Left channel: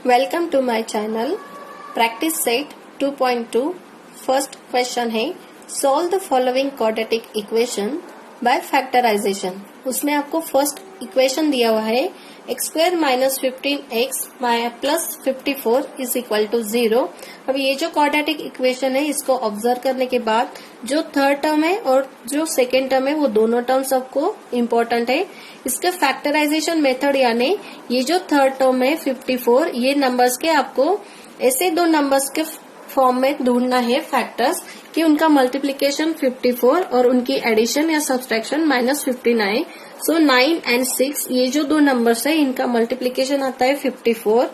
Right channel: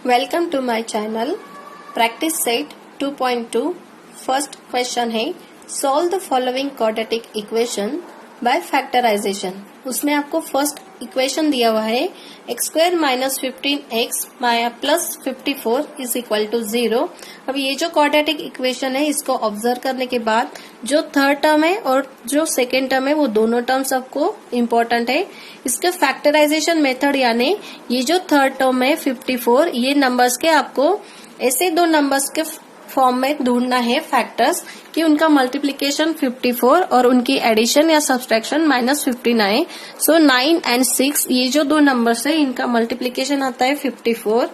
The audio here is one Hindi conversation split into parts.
Welcome to my channel. Practice set 2.2 first question है solve the following quadratic equation by factorisation. उसमें आपको फर्स्ट इक्वेशन दिया हुआ है x square minus 15x plus 54 is equal to 0। अब ये जो क्वाड्रेटिक इक्वेशन है इसको ऑब्जर्व करने के बाद जो थर्ड टर्म है और जो सेकेंड टर्म है वो दोनों टर्म्स आपको इम्पोर्टेंट है। इसके फैक्टराइजेशन मेथड यानी ये जो थर्ड टर्म है 54, ये नंबर्स के आपको ऐसे दो नंबर्स के फॉर्म में ढूंढना है फैक्टर्स कि उनका मल्टीप्लिकेशन 54 और उनकी एडिशन या सब्सट्रैक्शन -59। सो 9 एंड 6 ये जो दो नंबर्स है इनका मल्टीप्लिकेशन आता है 54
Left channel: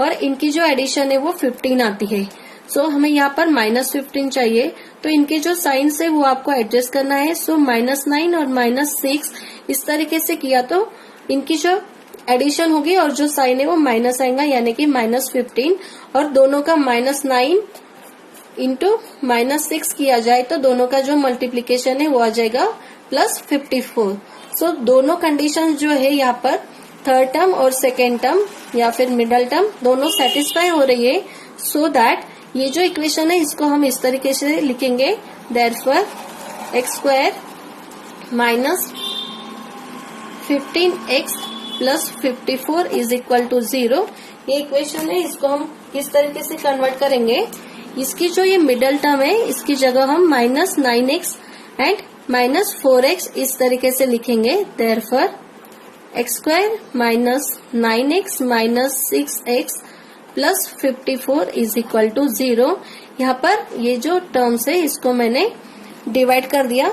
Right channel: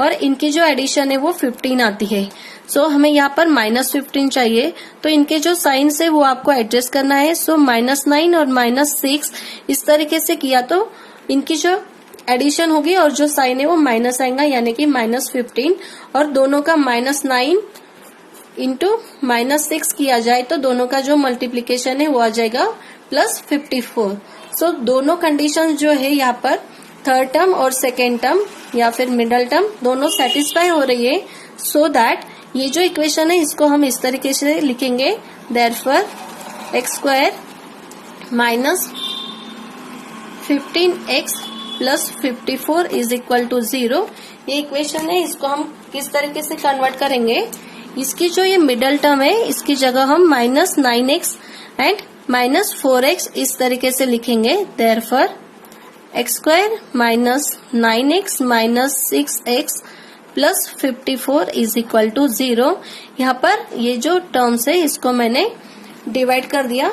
और इनकी जो एडिशन है वो 15 आती है। सो हमें यहाँ पर -15 चाहिए, तो इनके जो साइंस है वो आपको एडजस्ट करना है। सो -9 और -6 इस तरीके से किया तो इनकी जो एडिशन होगी और जो साइन है वो माइनस आएगा यानी कि -15, और दोनों का -9 इंटू -6 किया जाए तो दोनों का जो मल्टीप्लीकेशन है वो आ जाएगा +54। सो दोनों कंडीशन जो है यहाँ पर थर्ड टर्म और सेकेंड टर्म या फिर मिडल टर्म दोनों सेटिस्फाई हो रही है। सो दैट ये जो इक्वेशन है इसको हम इस तरीके से लिखेंगे, therefore x square minus 15x plus 54 is equal to 0। ये इक्वेशन है, इसको हम किस तरीके से कन्वर्ट करेंगे, इसकी जो ये मिडल टर्म है इसकी जगह हम -9x एंड -4x इस तरीके से लिखेंगे। Therefore x square minus 9x minus 6x plus 54 is equal to 0। यहाँ पर ये जो टर्म्स है इसको मैंने डिवाइड कर दिया,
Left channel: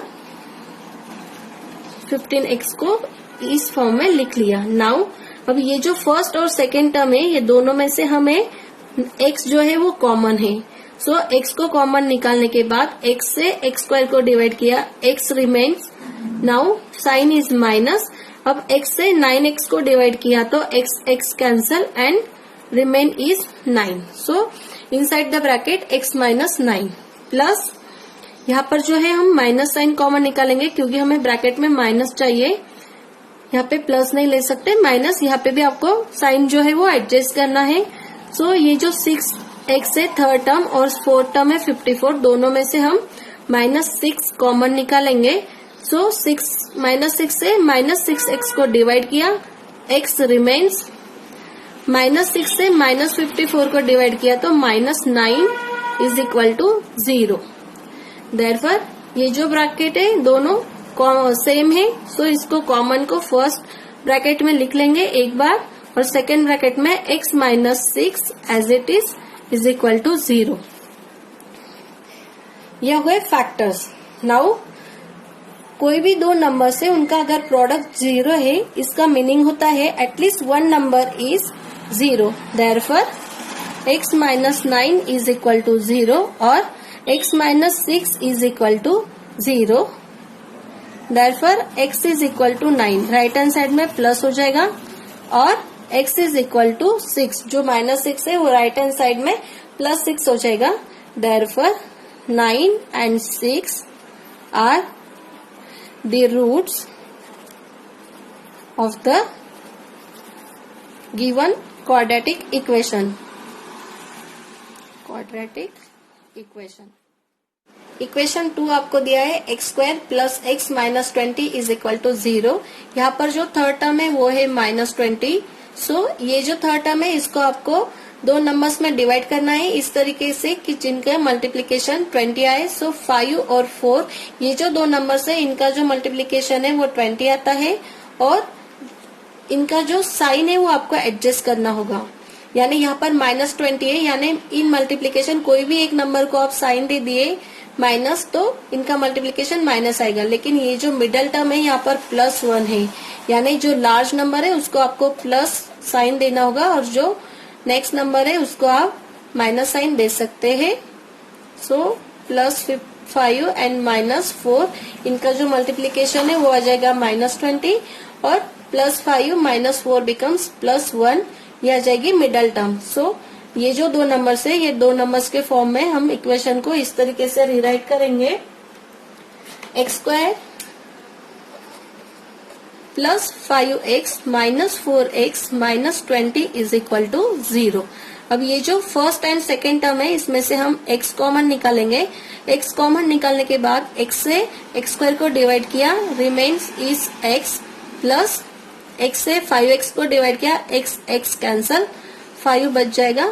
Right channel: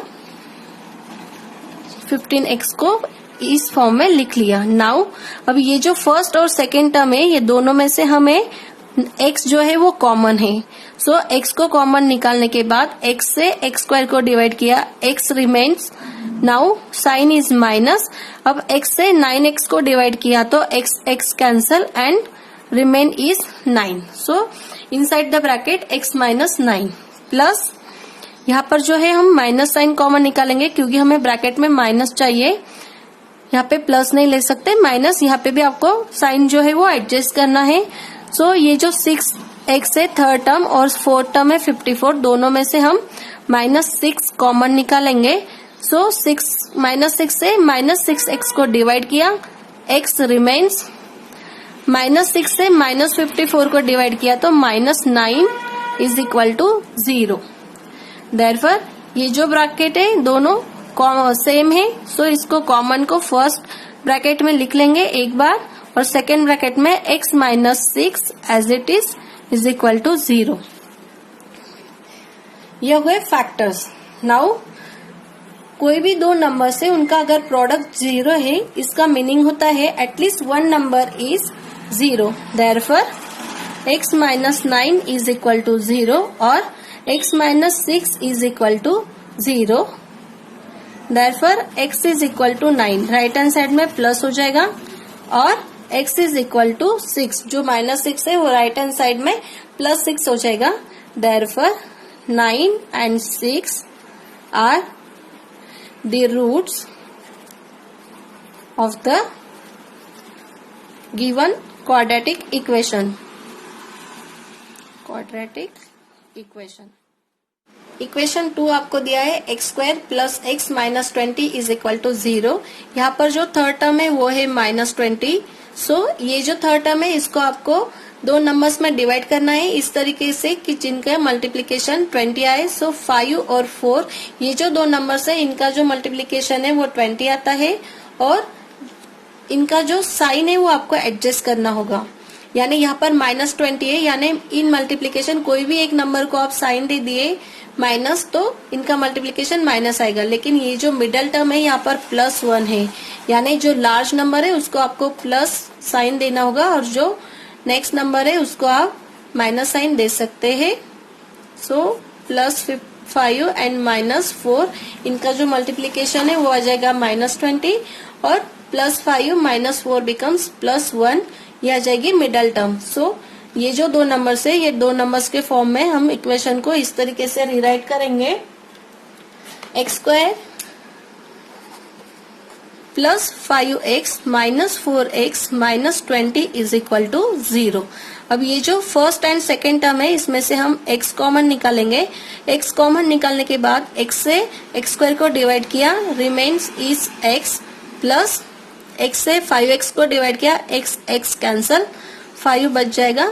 15x को इस फॉर्म में लिख लिया। नाउ अब ये जो फर्स्ट और सेकेंड टर्म है ये दोनों में से हमें x जो है वो कॉमन है। सो x को कॉमन निकालने के बाद x से x स्क्वायर को डिवाइड किया, x remains. Now sine is minus. अब x से 9x को डिवाइड किया तो x cancel and remain is 9। So inside the bracket x minus 9 plus यहाँ पर जो है हम माइनस साइन कॉमन निकालेंगे क्योंकि हमें ब्रैकेट में माइनस चाहिए, यहाँ पे प्लस नहीं ले सकते, माइनस। यहाँ पे भी आपको साइन जो है वो एडजस्ट करना है। सो ये जो 6x है थर्ड टर्म और फोर्थ टर्म है 54, दोनों में से हम -6 कॉमन निकालेंगे। सो -6 से -6x को डिवाइड किया, x रिमेन्स। -6 से -54 को डिवाइड किया तो -9 इज इक्वल टू 0। देयरफॉर ये जो ब्रैकेट है दोनों सेम है। सो इसको कॉमन को फर्स्ट ब्रैकेट में लिख लेंगे एक बार और सेकेंड ब्रैकेट में x minus 6 as it is equal to 0। यह हुए फैक्टर्स। नाउ कोई भी दो नंबर से उनका अगर प्रोडक्ट 0 है इसका मीनिंग होता है at least one number is 0। Therefore x minus 9 is equal to 0 और x minus 6 is equal to 0। Therefore x is equal to 9, right hand side में प्लस हो जाएगा, और x इज इक्वल टू 6, जो -6 है वो राइट हैंड साइड में +6 हो जाएगा। Therefore 9 and 6 are the roots of the given quadratic equation. Equation 2 आपको दिया है x square plus x minus 20 is equal to 0। यहाँ पर जो थर्ड टर्म है वो है -20। सो ये जो थर्ड टर्म है इसको आपको दो नंबर्स में डिवाइड करना है इस तरीके से कि जिनका मल्टीप्लिकेशन 20 आए। सो 5 और 4 ये जो दो नंबर्स है इनका जो मल्टीप्लिकेशन है वो 20 आता है और इनका जो साइन है वो आपको एडजस्ट करना होगा। यानी यहाँ पर -20 है, यानी इन मल्टीप्लिकेशन कोई भी एक नंबर को आप साइन दे दिए माइनस तो इनका मल्टीप्लिकेशन माइनस आएगा, लेकिन ये जो मिडल टर्म है यहाँ पर +1 है, यानी जो लार्ज नंबर है उसको आपको प्लस साइन देना होगा और जो नेक्स्ट नंबर है उसको आप माइनस साइन दे सकते हैं। सो +5 एंड -4 इनका जो मल्टीप्लिकेशन है वो आ जाएगा -20 और +5 -4 बिकम्स +1, ये आ जाएगी मिडल टर्म। सो ये जो दो नंबर्स है ये दो नंबर्स के फॉर्म में हम इक्वेशन को इस तरीके से रिराइट करेंगे, x square plus 5x minus 4x minus 20 is equal to 0। अब ये जो फर्स्ट एंड सेकेंड टर्म है इसमें से हम x कॉमन निकालेंगे। x कॉमन निकालने के बाद x से x स्क्वायर को डिवाइड किया, remains is x, plus x से 5x को डिवाइड किया, x कैंसल, 5 बच जाएगा।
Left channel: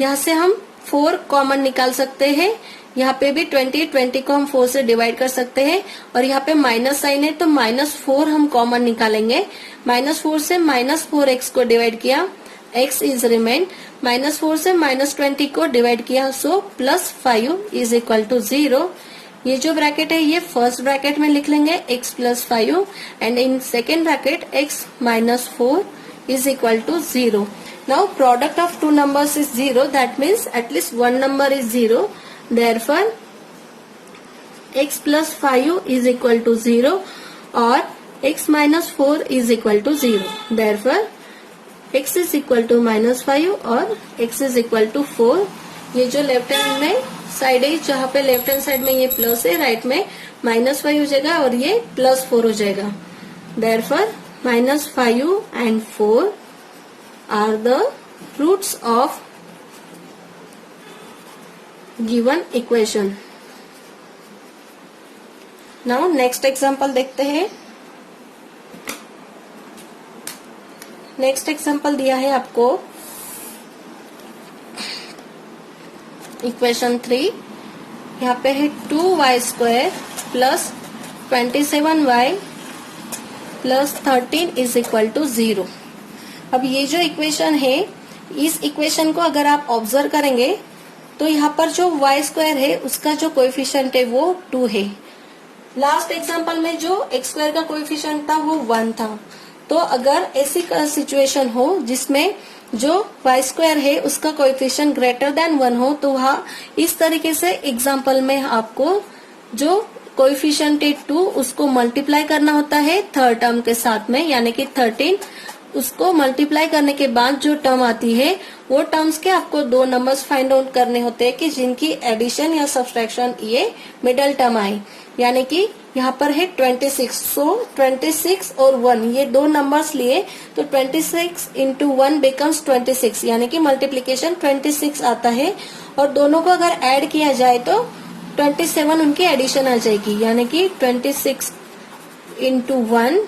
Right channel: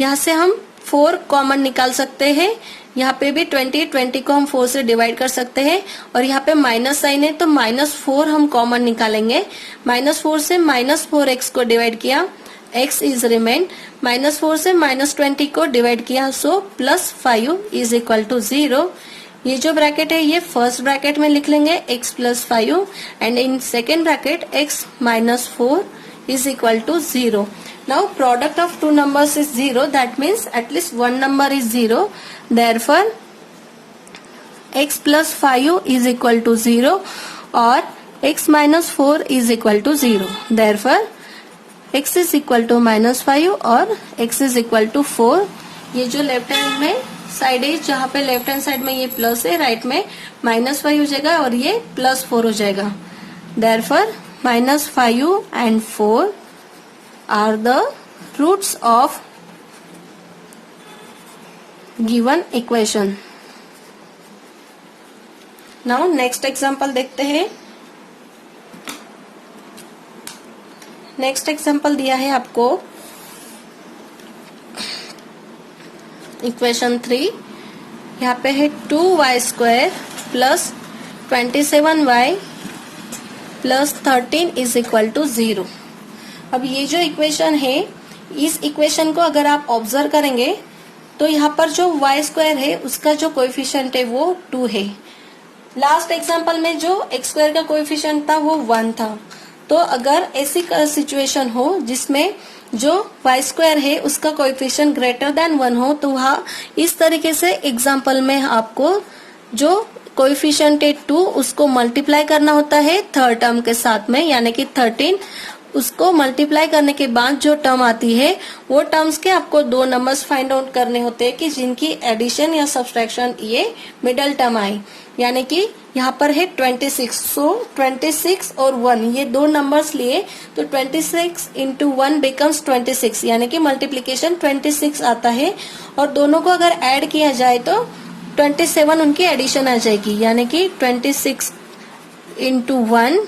यहाँ से हम 4 कॉमन निकाल सकते हैं। यहाँ पे भी 20 को हम 4 से डिवाइड कर सकते हैं और यहाँ पे माइनस साइन है तो -4 हम कॉमन निकालेंगे। -4 से -4x को डिवाइड किया, x इज रिमेन, -4 से -20 को डिवाइड किया, सो +5 इज इक्वल टू 0। ये जो ब्रैकेट है ये फर्स्ट ब्रैकेट में लिख लेंगे x + 5 and in second bracket x - 4 is equal to 0। Now product of two numbers is 0, that means at least one number is 0. Therefore x plus 5 is equal to 0 or x minus 4 is equal to 0. Therefore x is equal to -5 और x is equal to 4। ये जो लेफ्ट हैंड में साइड है, जहाँ पे लेफ्ट हैंड साइड में ये प्लस है, राइट में -5 हो जाएगा और ये +4 हो जाएगा। Therefore -5 and 4 are the roots of given equation. Now next example देखते हैं। नेक्स्ट एग्जाम्पल दिया है आपको इक्वेशन 3। यहाँ पे है 2y² plus 27y plus 13 is equal to 0। अब ये जो इक्वेशन है, इस इक्वेशन को अगर आप ऑब्जर्व करेंगे तो यहाँ पर जो y² है उसका जो कोएफिशिएंट है वो 2 है। लास्ट एग्जांपल में जो x² का कोएफिशिएंट था वो 1 था। तो अगर ऐसी सिचुएशन हो जिसमें जो y² है उसका कोएफिशिएंट ग्रेटर देन 1 हो, तो वहाँ इस तरीके से एग्जांपल में आपको जो कोएफिशिएंट है 2 उसको मल्टीप्लाई करना होता है थर्ड टर्म के साथ में, यानी कि 13। उसको मल्टीप्लाई करने के बाद जो टर्म आती है वो टर्म्स के आपको 2 नंबर्स फाइंड आउट करने होते हैं कि जिनकी एडिशन या सब्सट्रैक्शन ये मिडल टर्म आए। यानी कि यहाँ पर है 26, सो 26 और 1 ये 2 नंबर्स लिए तो 26 into 1 becomes 26, यानी कि मल्टीप्लीकेशन 26 आता है और दोनों को अगर ऐड किया जाए तो 27 उनकी एडिशन आ जाएगी, यानी कि 26 into 1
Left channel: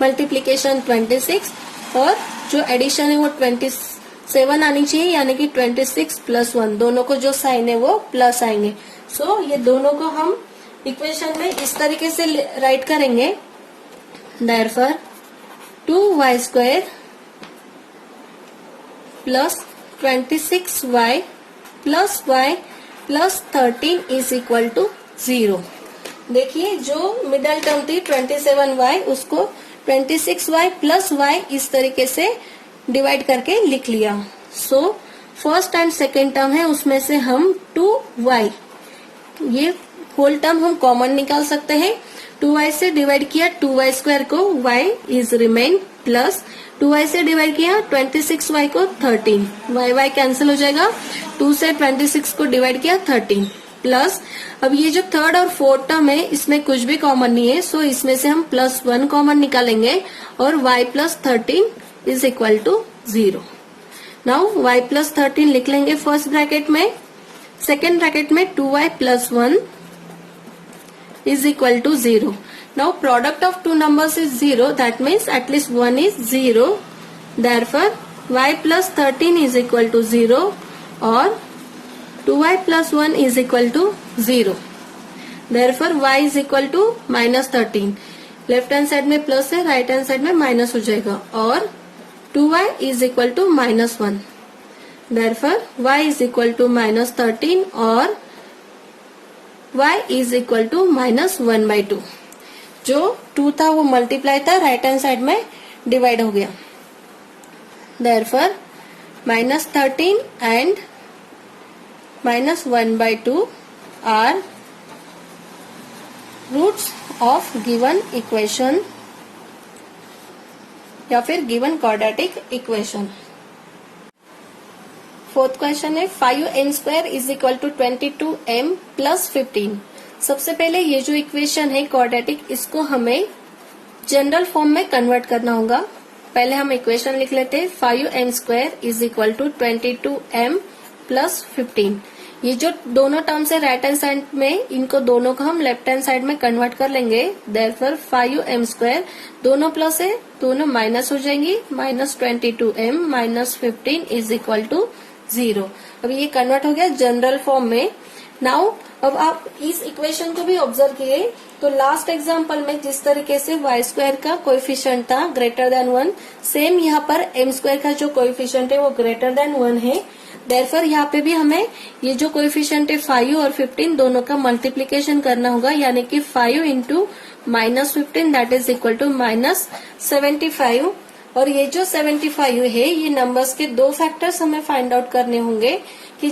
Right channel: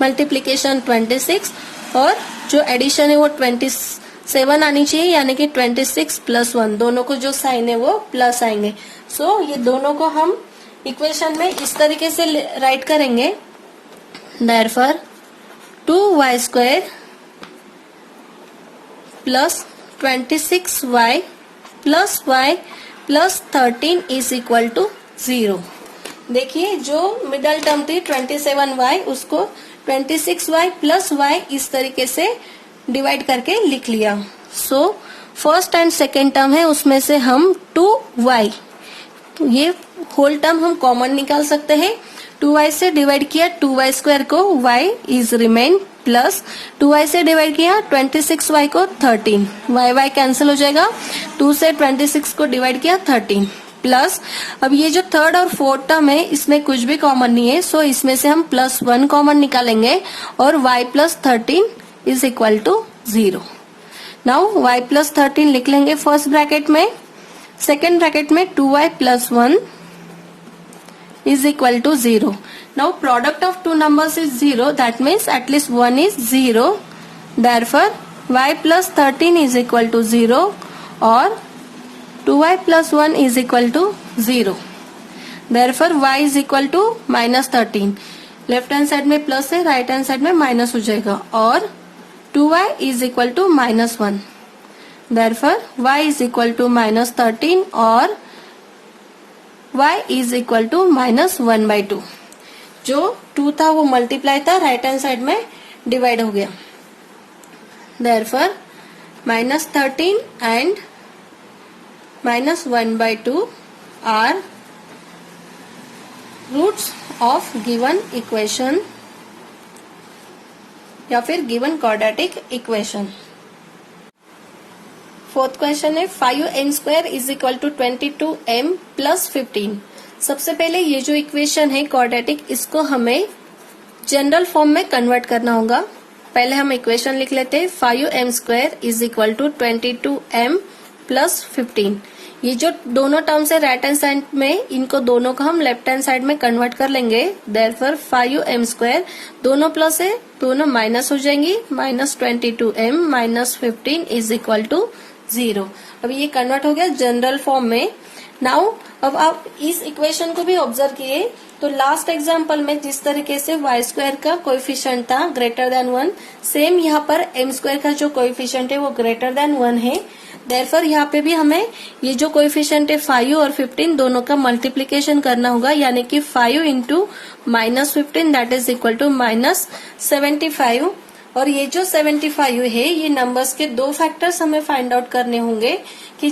मल्टीप्लीकेशन 26 और जो एडिशन है वो 27 आनी चाहिए, यानी कि 26 + 1, दोनों को जो साइन है वो प्लस आएंगे। सो ये दोनों को हम इक्वेशन में इस तरीके से राइट करेंगे। Therefore 2y² plus 26y plus y plus 13 is equal to 0। देखिए जो मिडल टर्म थी 27y उसको 26y प्लस y इस तरीके से डिवाइड करके लिख लिया। So first and second term है उसमें से हम 2y, तो ये होल टर्म हम कॉमन निकाल सकते हैं। 2y से डिवाइड किया 2y² को, y is remain, plus 2y से डिवाइड किया 26y को 13, y कैंसिल हो जाएगा। 2 से 26 को डिवाइड किया 13, प्लस अब ये जो थर्ड और फोर्थ टर्म है इसमें कुछ भी कॉमन नहीं है, सो इसमें से हम +1 कॉमन निकालेंगे और y + 13 is equal to 0। Now y + 13 लिख लेंगे फर्स्ट ब्रैकेट में, सेकेंड ब्रैकेट में 2y + 1 is equal to 0। Now product of two numbers is 0, that means at least 1 is 0। Therefore y + 13 is equal to 0 और 2y + 1 is equal to 0. Therefore y is equal to -13. Left hand side में प्लस है, राइट हैंड साइड में माइनस हो जाएगा और 2y is equal to -1. Therefore y is equal to -13 और y is equal to -1/2। जो 2 था वो मल्टीप्लाई था, राइट हैंड साइड में डिवाइड हो गया। Therefore -13 and -1/2 are roots of given equation या फिर given quadratic equation। Fourth question है 5n² is equal to 22m + 15। सबसे पहले ये जो इक्वेशन है क्वाड्रेटिक, इसको हमें जनरल फॉर्म में कन्वर्ट करना होगा। पहले हम इक्वेशन लिख लेते हैं। 5m² is equal to 22m plus 15। ये जो दोनों टर्म्स है राइट हैंड साइड में, इनको दोनों को हम लेफ्ट हैंड साइड में कन्वर्ट कर लेंगे। देयरफॉर 5m² दोनों प्लस है, दोनों माइनस हो जाएंगी। Minus 22m minus 15 is equal to 0। अब ये कन्वर्ट हो गया जनरल फॉर्म में। नाउ अब आप इस इक्वेशन को भी ऑब्जर्व किए तो लास्ट एग्जाम्पल में जिस तरीके से y² का कोएफिशिएंट था ग्रेटर देन 1, सेम यहाँ पर m² का जो कोएफिशिएंट है वो ग्रेटर देन 1 है। देयरफॉर यहाँ पे भी हमें ये जो कोएफिशिएंट है 5 और 15 दोनों का मल्टीप्लीकेशन करना होगा, यानी कि 5 into minus 15 that is equal to minus 75। और ये जो 75 है ये नंबर्स के दो फैक्टर्स हमें फाइंड आउट करने होंगे कि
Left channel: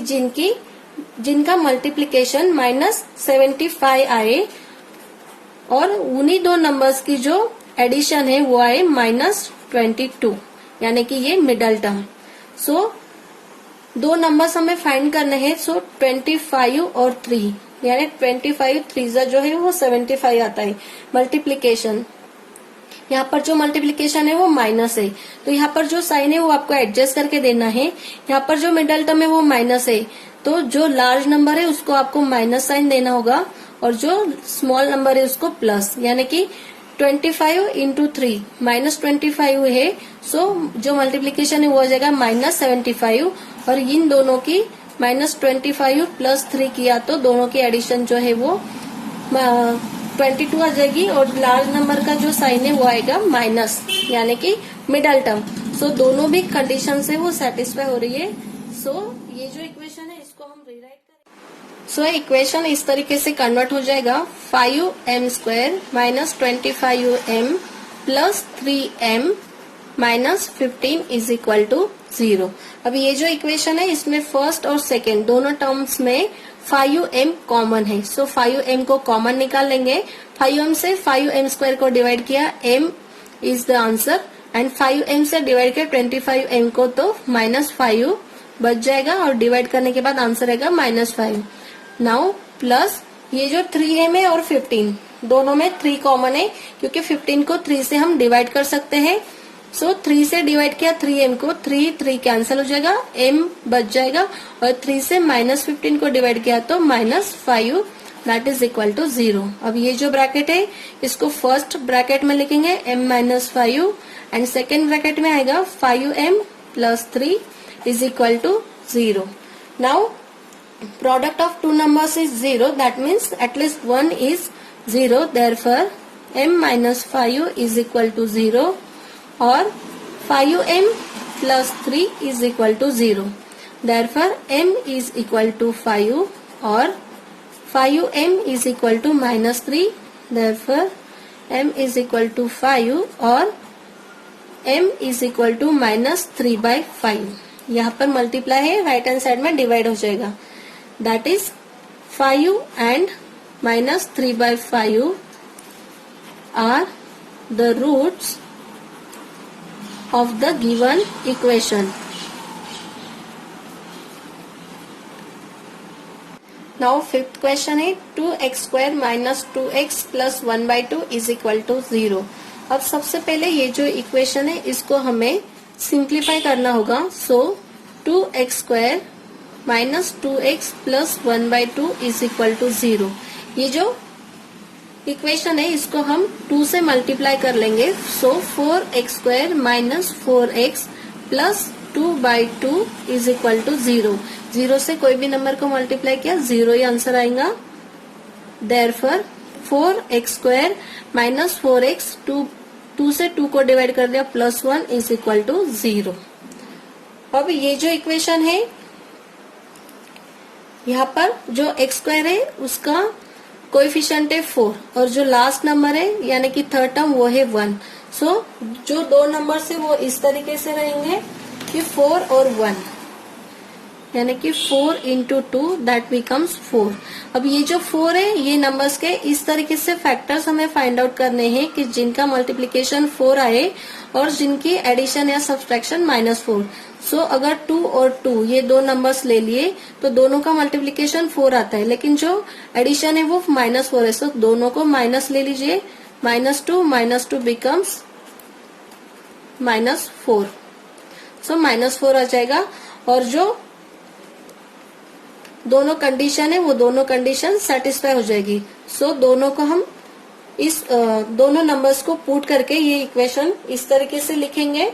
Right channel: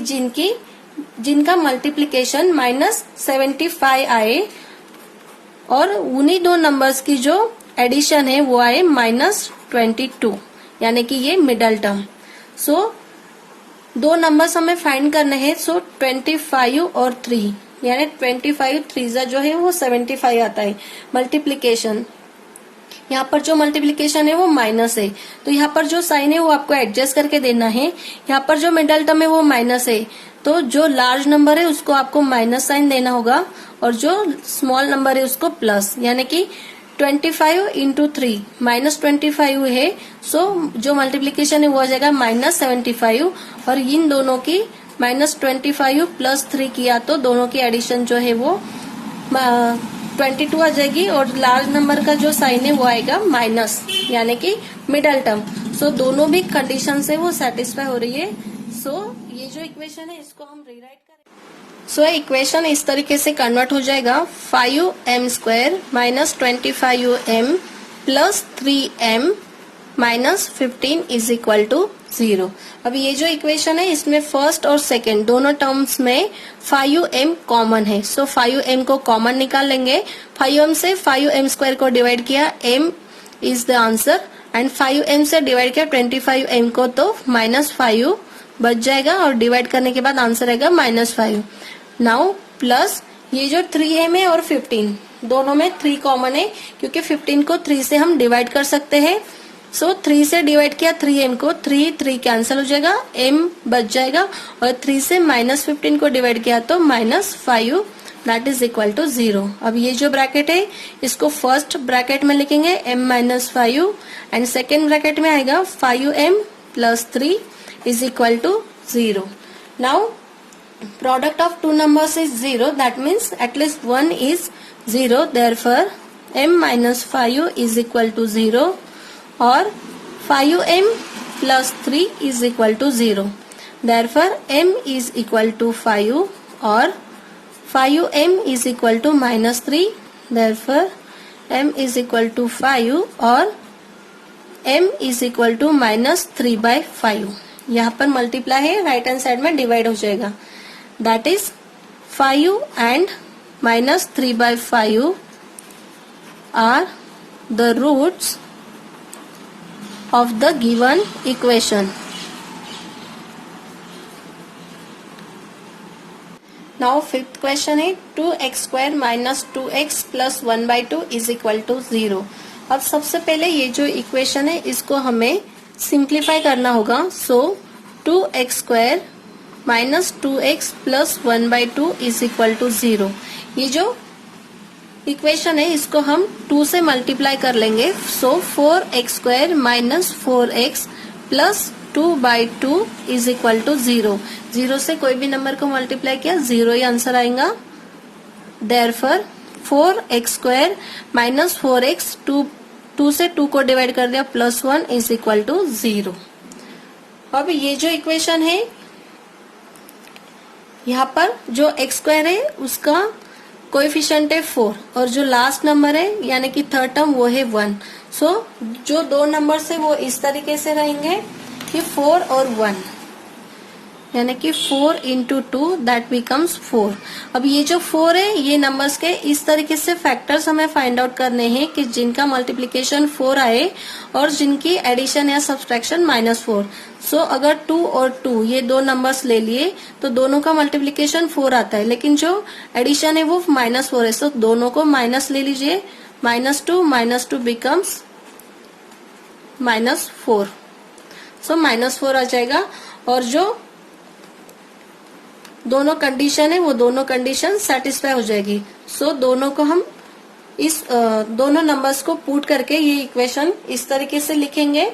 जिनका मल्टीप्लीकेशन माइनस 75 आए और उन्हीं दो नंबर्स की जो एडिशन है वो आए माइनस 22, यानी कि ये मिडल टर्म। सो दो नंबर्स हमें फाइंड करने हैं। सो 25 और 3, यानी 25 3 जो है वो 75 आता है मल्टीप्लीकेशन। यहाँ पर जो मल्टीप्लीकेशन है वो माइनस है, तो यहाँ पर जो साइन है वो आपको एडजस्ट करके देना है। यहाँ पर जो मिडल टर्म है वो माइनस है, तो जो लार्ज नंबर है उसको आपको माइनस साइन देना होगा और जो स्मॉल नंबर है उसको प्लस, यानी कि 25 इंटू 3 माइनस 25 है। सो जो मल्टीप्लीकेशन है वो आ जाएगा माइनस 75 और इन दोनों की माइनस 25 प्लस 3 किया तो दोनों की एडिशन जो है वो 22 आ जाएगी और लार्ज नंबर का जो साइन है वो आएगा माइनस, यानी कि मिडल टर्म। सो दोनों भी कंडीशन से वो सेटिस्फाई हो रही है। सो ये जो इक्वेशन है इसको हम रीराइट करें। सो इक्वेशन इस तरीके से कन्वर्ट हो जाएगा। 5m² minus 25m plus 3m minus 15 is equal to 0। अब ये जो इक्वेशन है इसमें फर्स्ट और सेकेंड दोनों टर्म्स में 5m कॉमन है। सो 5m को कॉमन निकाल लेंगे। 5m से 5m² को डिवाइड किया, m is the answer, and 5m से डिवाइड किया 25m को तो -5 बच जाएगा और डिवाइड करने के बाद आंसर आएगा -5। नाउ प्लस ये जो 3m और 15 दोनों में 3 कॉमन है, क्योंकि 15 को 3 से हम डिवाइड कर सकते हैं। सो 3 से डिवाइड किया 3m को, 3 कैंसिल हो जाएगा, m बच जाएगा और 3 से -15 को डिवाइड किया तो -5 दैट इज इक्वल टू 0। अब ये जो ब्रैकेट है इसको फर्स्ट ब्रैकेट में लिखेंगे m-5 एंड सेकेंड ब्रैकेट में आएगा 5m plus 3 is equal to 0. Now product of two numbers is 0, that means at least one is 0, therefore m minus 5 is equal to 0 or 5m plus 3 is equal to 0. Therefore m is equal to 5 or 5m is equal to -3. Therefore m is equal to 5 or m is equal to -3/5. यहाँ पर मल्टीप्लाई है, राइट हैंड साइड में डिवाइड हो जाएगा। That is 5 and -3/5 are the roots of the given equation. Now fifth question है 2x² minus 2x plus 1/2 is equal to 0। अब सबसे पहले ये जो इक्वेशन है इसको हमें सिंप्लीफाई करना होगा। So 2x² minus 2x plus 1/2 is equal to 0। ये जो इक्वेशन है इसको हम 2 से मल्टीप्लाई कर लेंगे। So 4x² minus 4x plus 2/2 is equal to 0। 0 से कोई भी नंबर को मल्टीप्लाई किया 0 ही आंसर आएगा। देयरफॉर 4x² माइनस 4x 2 से 2 को डिवाइड कर दिया +1 इज इक्वल टू 0। अब ये जो इक्वेशन है यहाँ पर जो x² है उसका कोएफिशिएंट है 4 और जो लास्ट नंबर है यानी कि थर्ड टर्म वो है 1। सो जो दो नंबर है वो इस तरीके से रहेंगे कि 4 और 1, यानी कि 4 इंटू 2 दैट बिकम्स 4। अब ये जो 4 है ये नंबर्स के इस तरीके से फैक्टर्स हमें फाइंड आउट करने हैं कि जिनका मल्टीप्लिकेशन 4 आए और जिनकी एडिशन या सब्सट्रैक्शन -4। सो अगर 2 और 2 ये दो नंबर्स ले लिए तो दोनों का मल्टीप्लिकेशन 4 आता है, लेकिन जो एडिशन है वो -4 है। सो दोनों को माइनस ले लीजिए -2 becomes -4. सो -4 आ जाएगा और जो दोनों कंडीशन है वो दोनों कंडीशन सेटिस्फाई हो जाएगी. सो दोनों को हम इस दोनों नंबर्स को पुट करके ये इक्वेशन इस तरीके से लिखेंगे.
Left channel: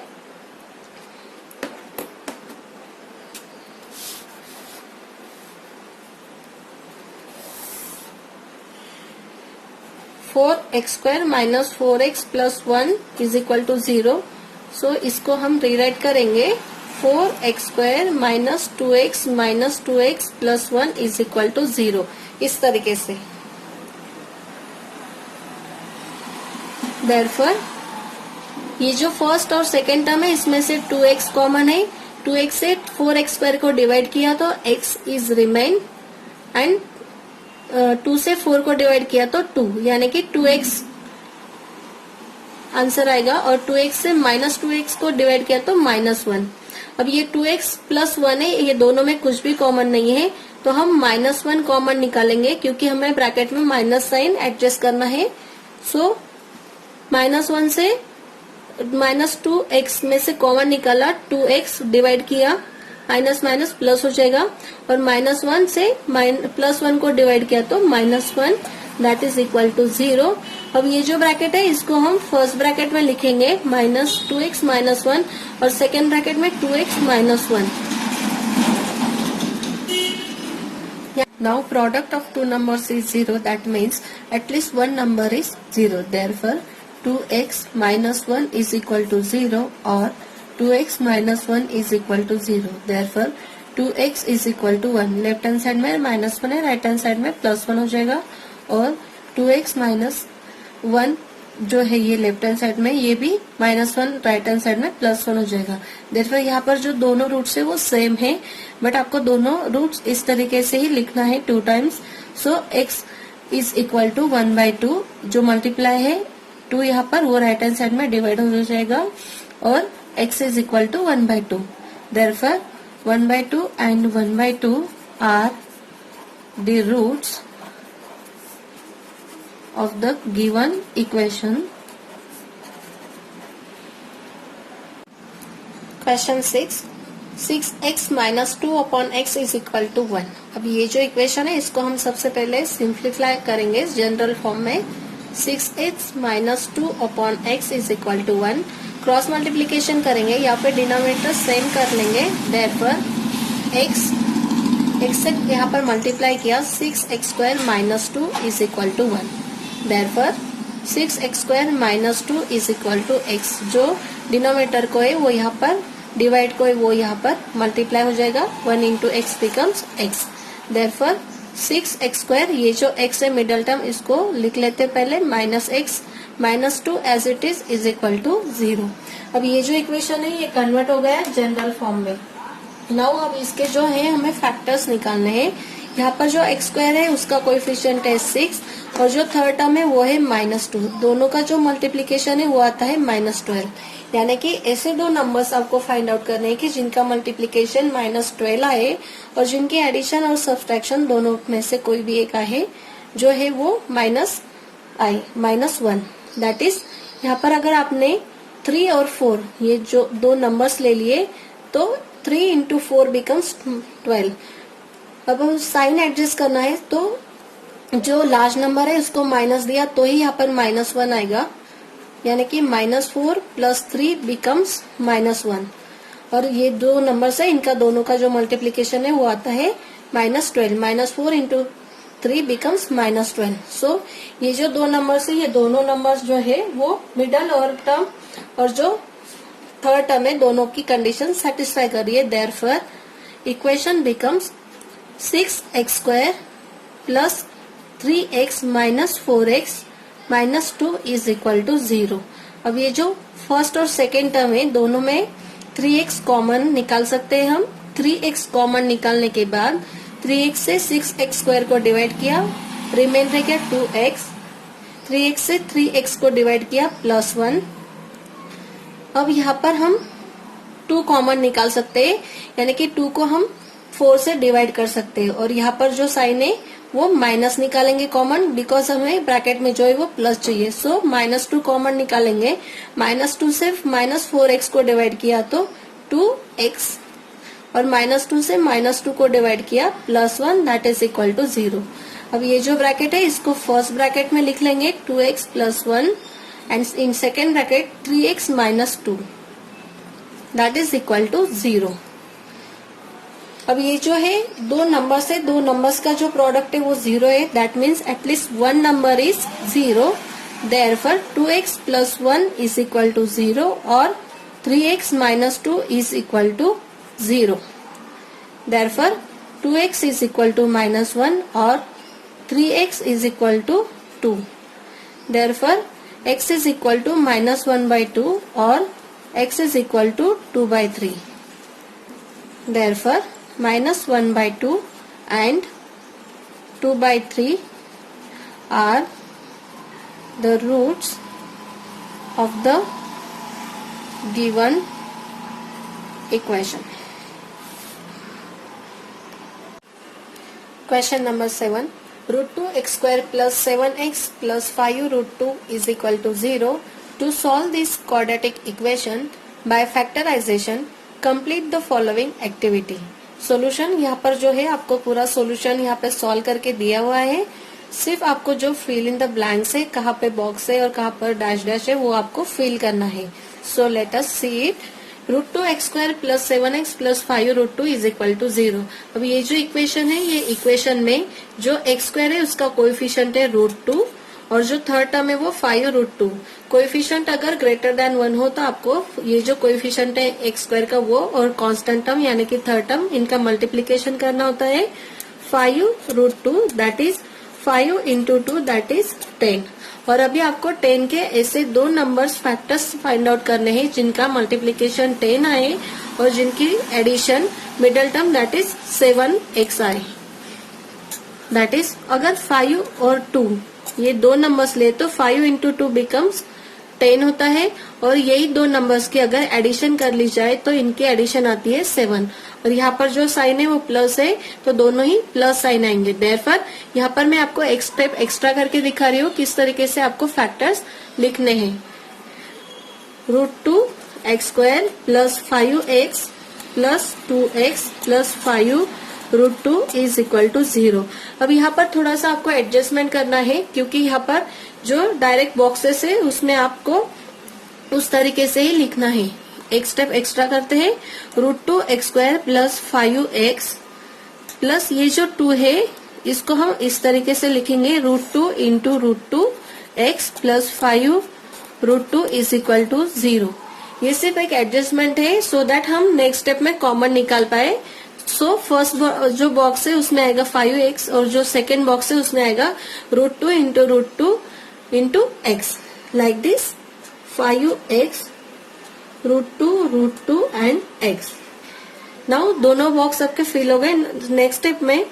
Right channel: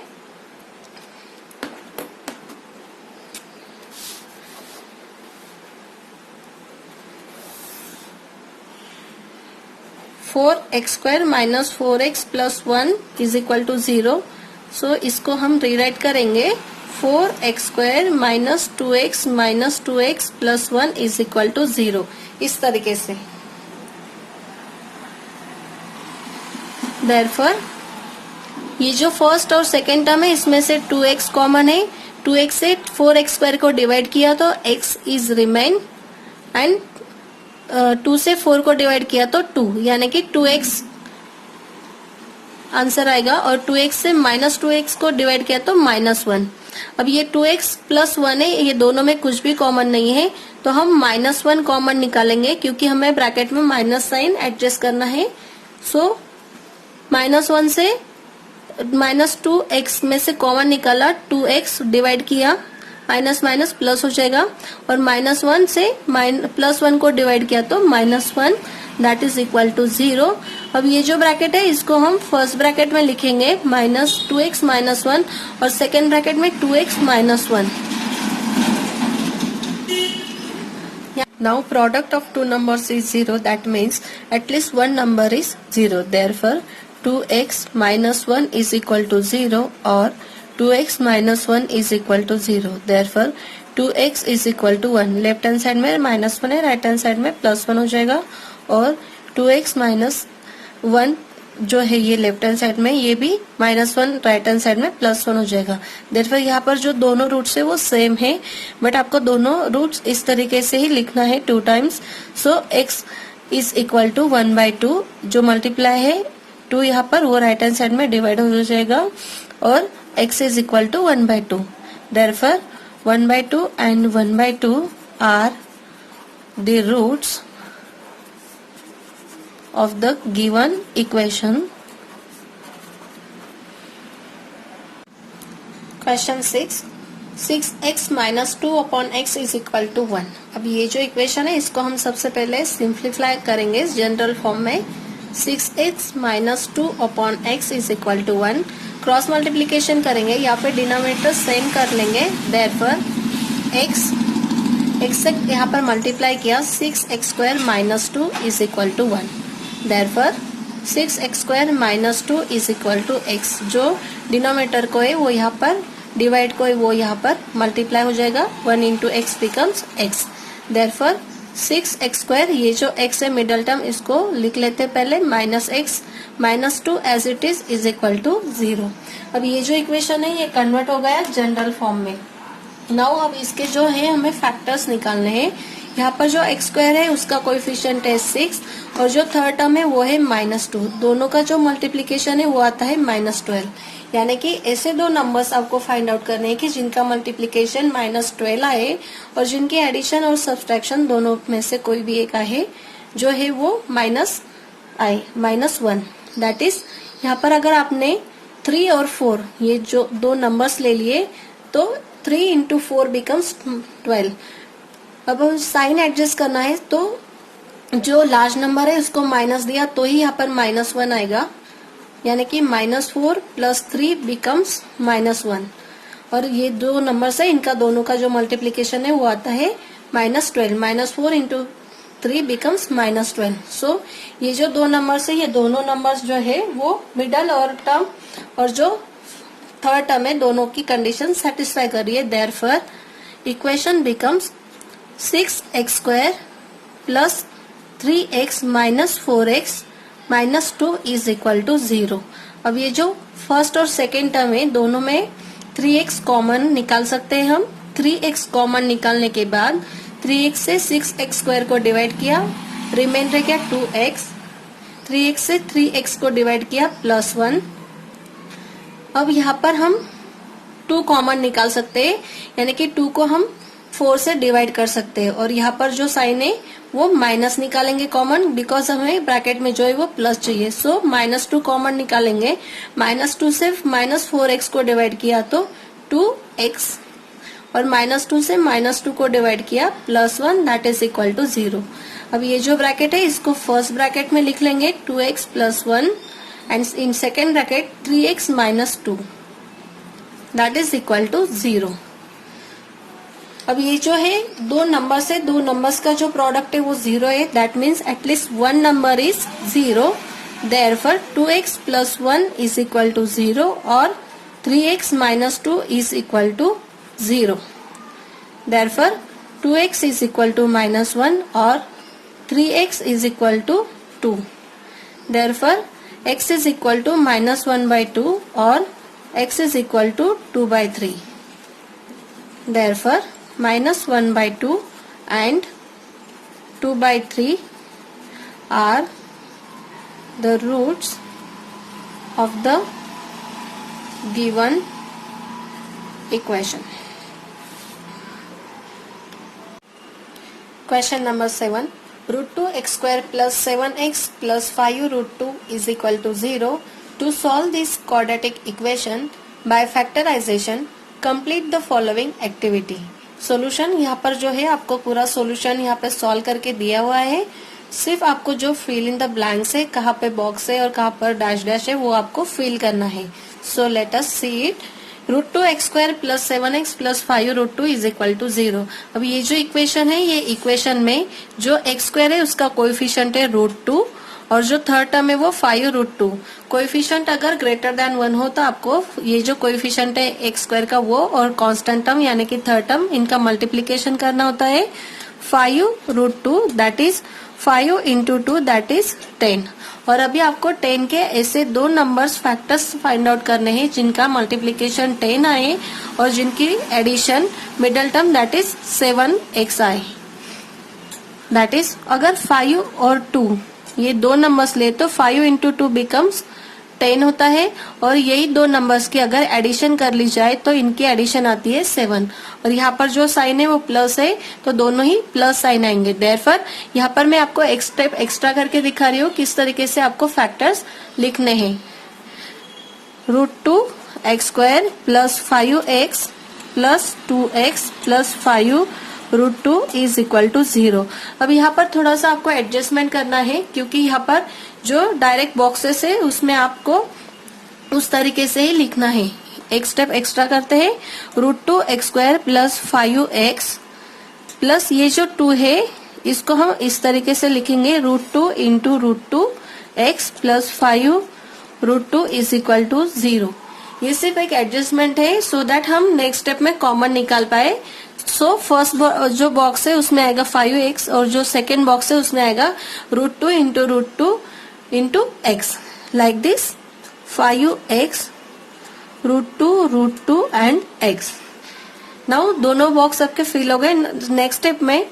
(4x² - 4x + 1 = 0. सो इसको हम रीराइट करेंगे 4x² - 2x - 2x + 1 = 0 इस तरीके से. Therefore, ये जो फर्स्ट और सेकेंड टर्म है इसमें से 2x कॉमन है. 2x से 4x² को डिवाइड किया तो x इज रिमेन एंड 2 से 4 को डिवाइड किया तो 2 यानी कि 2x आंसर आएगा और 2x से -2x को डिवाइड किया तो -1. अब ये 2x + 1 है, ये दोनों में कुछ भी कॉमन नहीं है तो हम -1 कॉमन निकालेंगे क्योंकि हमें ब्रैकेट में माइनस साइन एडजस्ट करना है. सो -1 से -2x में से कॉमन निकाला, 2x डिवाइड किया, माइनस माइनस प्लस हो जाएगा और -1 से +1 को डिवाइड किया तो -1 दैट इज इक्वल टू 0. अब ये जो ब्रैकेट है इसको हम फर्स्ट ब्रैकेट में लिखेंगे -2x - 1 और सेकेंड ब्रैकेट में 2x - 1. Now product of two numbers is 0. That means at least one number is 0. Therefore 2x - 1 is equal to 0 or 2x - 1 is equal to 0. Therefore 2x is equal to 1. Left hand side में -1 है, राइट हैंड साइड में +1 हो जाएगा और 2x - 1 जो है ये लेफ्ट हैंड साइड में, ये भी -1 राइट हैंड साइड में +1 हो जाएगा. देयरफॉर यहाँ पर जो दोनों रूट्स है वो सेम है बट आपको दोनों रूट्स इस तरीके से ही लिखना है 2 times. So x is equal to 1/2 जो मल्टीप्लाई है 2 यहाँ पर वो राइट हैंड साइड में डिवाइड हो जाएगा और x is equal to 1/2. Therefore 1/2 and 1/2 are the roots of the given equation. Question 6. 6x - 2 upon x is equal to 1. अब ये जो इक्वेशन है इसको हम सबसे पहले सिंप्लीफाई करेंगे जनरल फॉर्म में. 6x - 2 upon x is equal to 1. Cross multiplication करेंगे या फिर डिनोमिनेटर सेम कर लेंगे. देयरफॉर x से यहाँ पर मल्टीप्लाई किया 6x² - 2 is equal to 1. Therefore 6x² - 2 is equal to x. जो डिनोमिनेटर को है वो यहाँ पर डिवाइड को है वो यहाँ पर मल्टीप्लाई हो जाएगा. 1 × x becomes x. Therefore 6x², ये जो x है मिडल टर्म इसको लिख लेते पहले -x -2 as it is equal to 0. अब ये जो इक्वेशन है ये कन्वर्ट हो गया जनरल फॉर्म में. नाउ अब इसके जो है हमें फैक्टर्स निकालने हैं. यहाँ पर जो x² है उसका कोएफिशिएंट है 6 और जो थर्ड टर्म है वो है -2. दोनों का जो मल्टीप्लीकेशन है वो आता है -12. यानी कि ऐसे दो नंबर्स आपको फाइंड आउट करने हैं कि जिनका मल्टीप्लीकेशन -12 आए और जिनकी एडिशन और सब्सट्रैक्शन दोनों में से कोई भी एक आए जो है वो माइनस आए -1. दैट इज यहाँ पर अगर आपने 3 और 4 ये जो दो नंबर्स ले लिए तो 3 × 4 बिकम्स 12. अब साइन एडजस्ट करना है तो जो लार्ज नंबर है उसको माइनस दिया तो ही यहाँ पर -1 आएगा. यानी कि -4 + 3 बिकम्स -1 और ये दो नंबर्स है इनका दोनों का जो मल्टीप्लीकेशन है वो आता है -12. -4 × 3 बिकम्स -12. सो ये जो दो नंबर्स है ये दोनों नंबर्स जो है वो मिडल और टर्म और जो थर्ड टर्म है दोनों की कंडीशन सेटिस्फाई कर रही है. Therefore equation becomes 6x² + 3x - 4x - 2 is equal to 0. अब ये जो फर्स्ट और सेकेंड टर्म है दोनों में 3x कॉमन निकाल सकते हैं हम. 3x कॉमन निकालने के बाद 3x से 6x² को डिवाइड किया, रिमाइंडर क्या 2x. 3x से 3x को डिवाइड किया +1. अब यहाँ पर हम 2 कॉमन निकाल सकते हैं यानी कि 2 को हम 4 से डिवाइड कर सकते हैं और यहाँ पर जो साइन है वो माइनस निकालेंगे कॉमन, बिकॉज हमें ब्रैकेट में जो है वो प्लस चाहिए। सो -2 कॉमन निकालेंगे। -2 से -4x को डिवाइड किया तो 2x, और -2 से -2 को डिवाइड किया +1, दैट इज इक्वल टू 0। अब ये जो ब्रैकेट है इसको फर्स्ट ब्रैकेट में लिख लेंगे 2x + 1, and in second bracket 3x - 2, that is equal to 0। अब ये जो है दो नंबर्स है, दो नंबर्स का जो प्रोडक्ट है वो 0 है, that means at least one number is 0। Therefore 2x + 1 is equal to 0 और 3x - 2 is equal to 0। Therefore 2x is equal to -1 और 3x is equal to 2। Therefore x is equal to -1/2 और x is equal to 2/3। Therefore -1/2 and 2/3 are the roots of the given equation. Question number 7. √2x² + 7x + 5√2 is equal to 0. To solve this quadratic equation by factorization, complete the following activity. Solution यहाँ पर जो है आपको पूरा सॉल्यूशन यहाँ पे सॉल्व करके दिया हुआ है। सिर्फ आपको जो फिल इन द ब्लैंक्स है, कहाँ पे बॉक्स है और कहाँ पर डैश डैश है, वो आपको फिल करना है। So let us see it. √2x² + 7x + 5√2 is equal to 0। अब ये जो इक्वेशन है, ये इक्वेशन में जो x² है उसका कोएफिशिएंट है √2 और जो थर्ड टर्म है वो 5√2। कोएफिशिएंट अगर ग्रेटर देन 1 हो तो आपको ये जो कोएफिशिएंट है x² का वो और कांस्टेंट टर्म यानी कि थर्ड टर्म, इनका मल्टीप्लिकेशन करना होता है। 5√2 दैट इज 5 × 2 दैट इज 10। और अभी आपको 10 के ऐसे दो नंबर्स फैक्टर्स फाइंड आउट करने हैं जिनका मल्टीप्लिकेशन 10 आए और जिनकी addition middle term that is 7x आए। दैट इज अगर 5 और 2 ये दो नंबर्स ले तो 5 × 2 बिकम्स 10 होता है, और यही दो नंबर्स की अगर एडिशन कर ली जाए तो इनकी एडिशन आती है 7। और यहाँ पर जो साइन है वो प्लस है तो दोनों ही प्लस साइन आएंगे। देयरफॉर यहाँ पर मैं आपको एक स्टेप एक्स्ट्रा करके दिखा रही हूँ किस तरीके से आपको फैक्टर्स लिखने हैं। √2x² + 5x + 2x + 5√2 is equal to 0। अब यहाँ पर थोड़ा सा आपको एडजस्टमेंट करना है क्योंकि यहाँ पर जो डायरेक्ट बॉक्सेस है उसमें आपको उस तरीके से ही लिखना है। एक स्टेप एक्स्ट्रा करते हैं। √2x² + 5x प्लस ये जो 2 है इसको हम इस तरीके से लिखेंगे √2 × √2x + 5√2 इज इक्वल टू 0। ये सिर्फ एक एडजस्टमेंट है सो दैट हम नेक्स्ट स्टेप में कॉमन निकाल पाए। सो फर्स्ट जो बॉक्स है उसमें आएगा 5x और जो सेकेंड बॉक्स है उसमें आएगा √2 × √2 × x, like this 5x √2 and x। Now दोनों बॉक्स आपके फिल हो गए। नेक्स्ट स्टेप में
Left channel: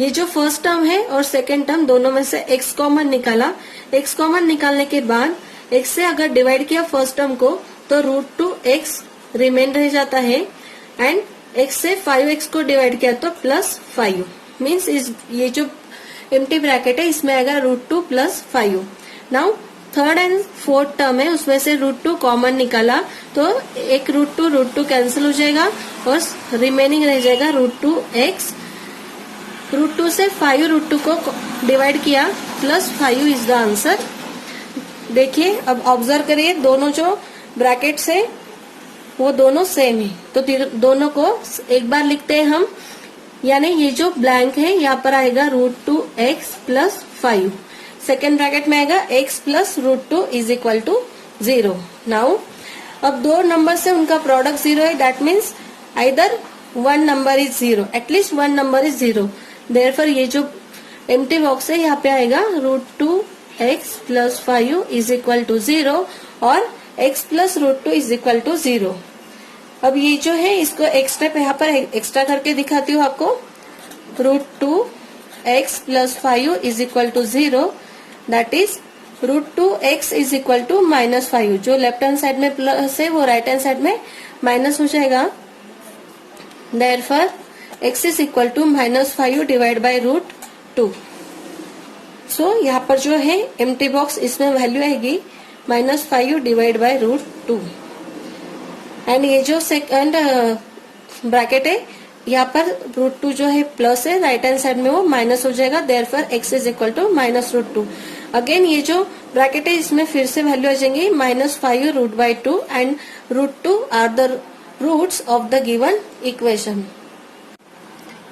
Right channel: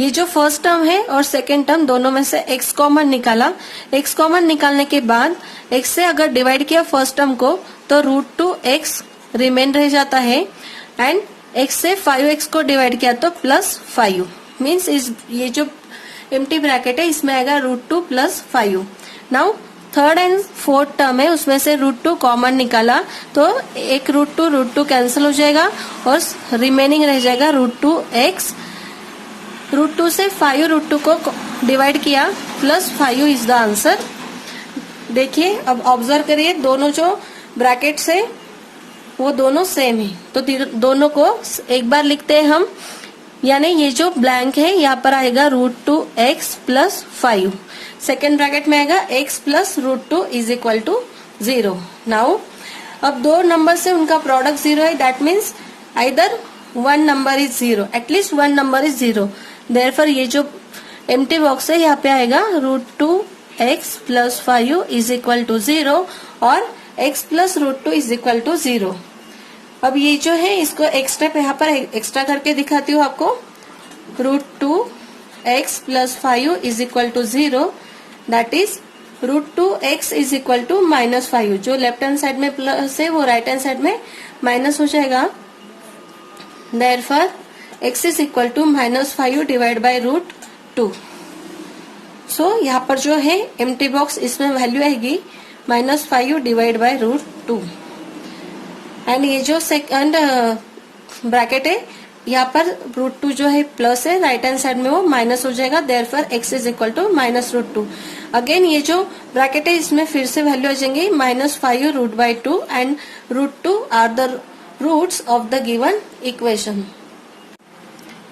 ये जो फर्स्ट टर्म है और सेकेंड टर्म दोनों में से x कॉमन निकाला। x कॉमन निकालने के बाद x से अगर डिवाइड किया फर्स्ट टर्म को तो √2x रिमेन रह जाता है, एंड x से 5x को डिवाइड किया तो +5 मीन्स ये जो एम्प्टी ब्रैकेट है इसमें आएगा √2 + 5। Now third and fourth term है उसमें से √2 कॉमन निकाला तो एक √2 कैंसिल हो जाएगा और रिमेनिंग रह जाएगा √2x। √2 से 5√2 को डिवाइड किया +5 इज द आंसर। देखिए अब ऑब्जर्व करिए दोनों जो ब्रैकेट्स है वो दोनों सेम है तो दोनों को एक बार लिखते हैं हम, यानी ये जो ब्लैंक है यहाँ पर आएगा √2x + 5, सेकेंड ब्रैकेट में आएगा x + √2 is equal to 0। Now अब दो नंबर से उनका प्रोडक्ट 0 है, that means either one number is 0, at least one number is 0। Therefore ये जो एम्प्टी बॉक्स है यहाँ पे आएगा √2x + 5 इज इक्वल टू 0 और x + √2 इज इक्वल टू 0। अब ये जो है इसको एक स्टेप यहाँ पर एक्स्ट्रा करके दिखाती हूँ आपको। √2x + 5 is equal to 0, that is √2x is equal to -5। जो लेफ्ट हैंड साइड में प्लस है वो राइट हैंड साइड में माइनस हो जाएगा। Therefore x is equal to -5 divide by √2। So यहाँ पर जो है एम्प्टी बॉक्स, इसमें वैल्यू आएगी -5 डिवाइड बाय √2। एंड ये जो सेकंड ब्रैकेट है यहाँ पर √2 जो है प्लस है, राइट हैंड साइड में वो माइनस हो जाएगा, therefore x is equal to -√2। Again ये जो ब्रैकेट है इसमें फिर से वैल्यू हो जाएंगी -5√2 and √2 are the roots of the given equation.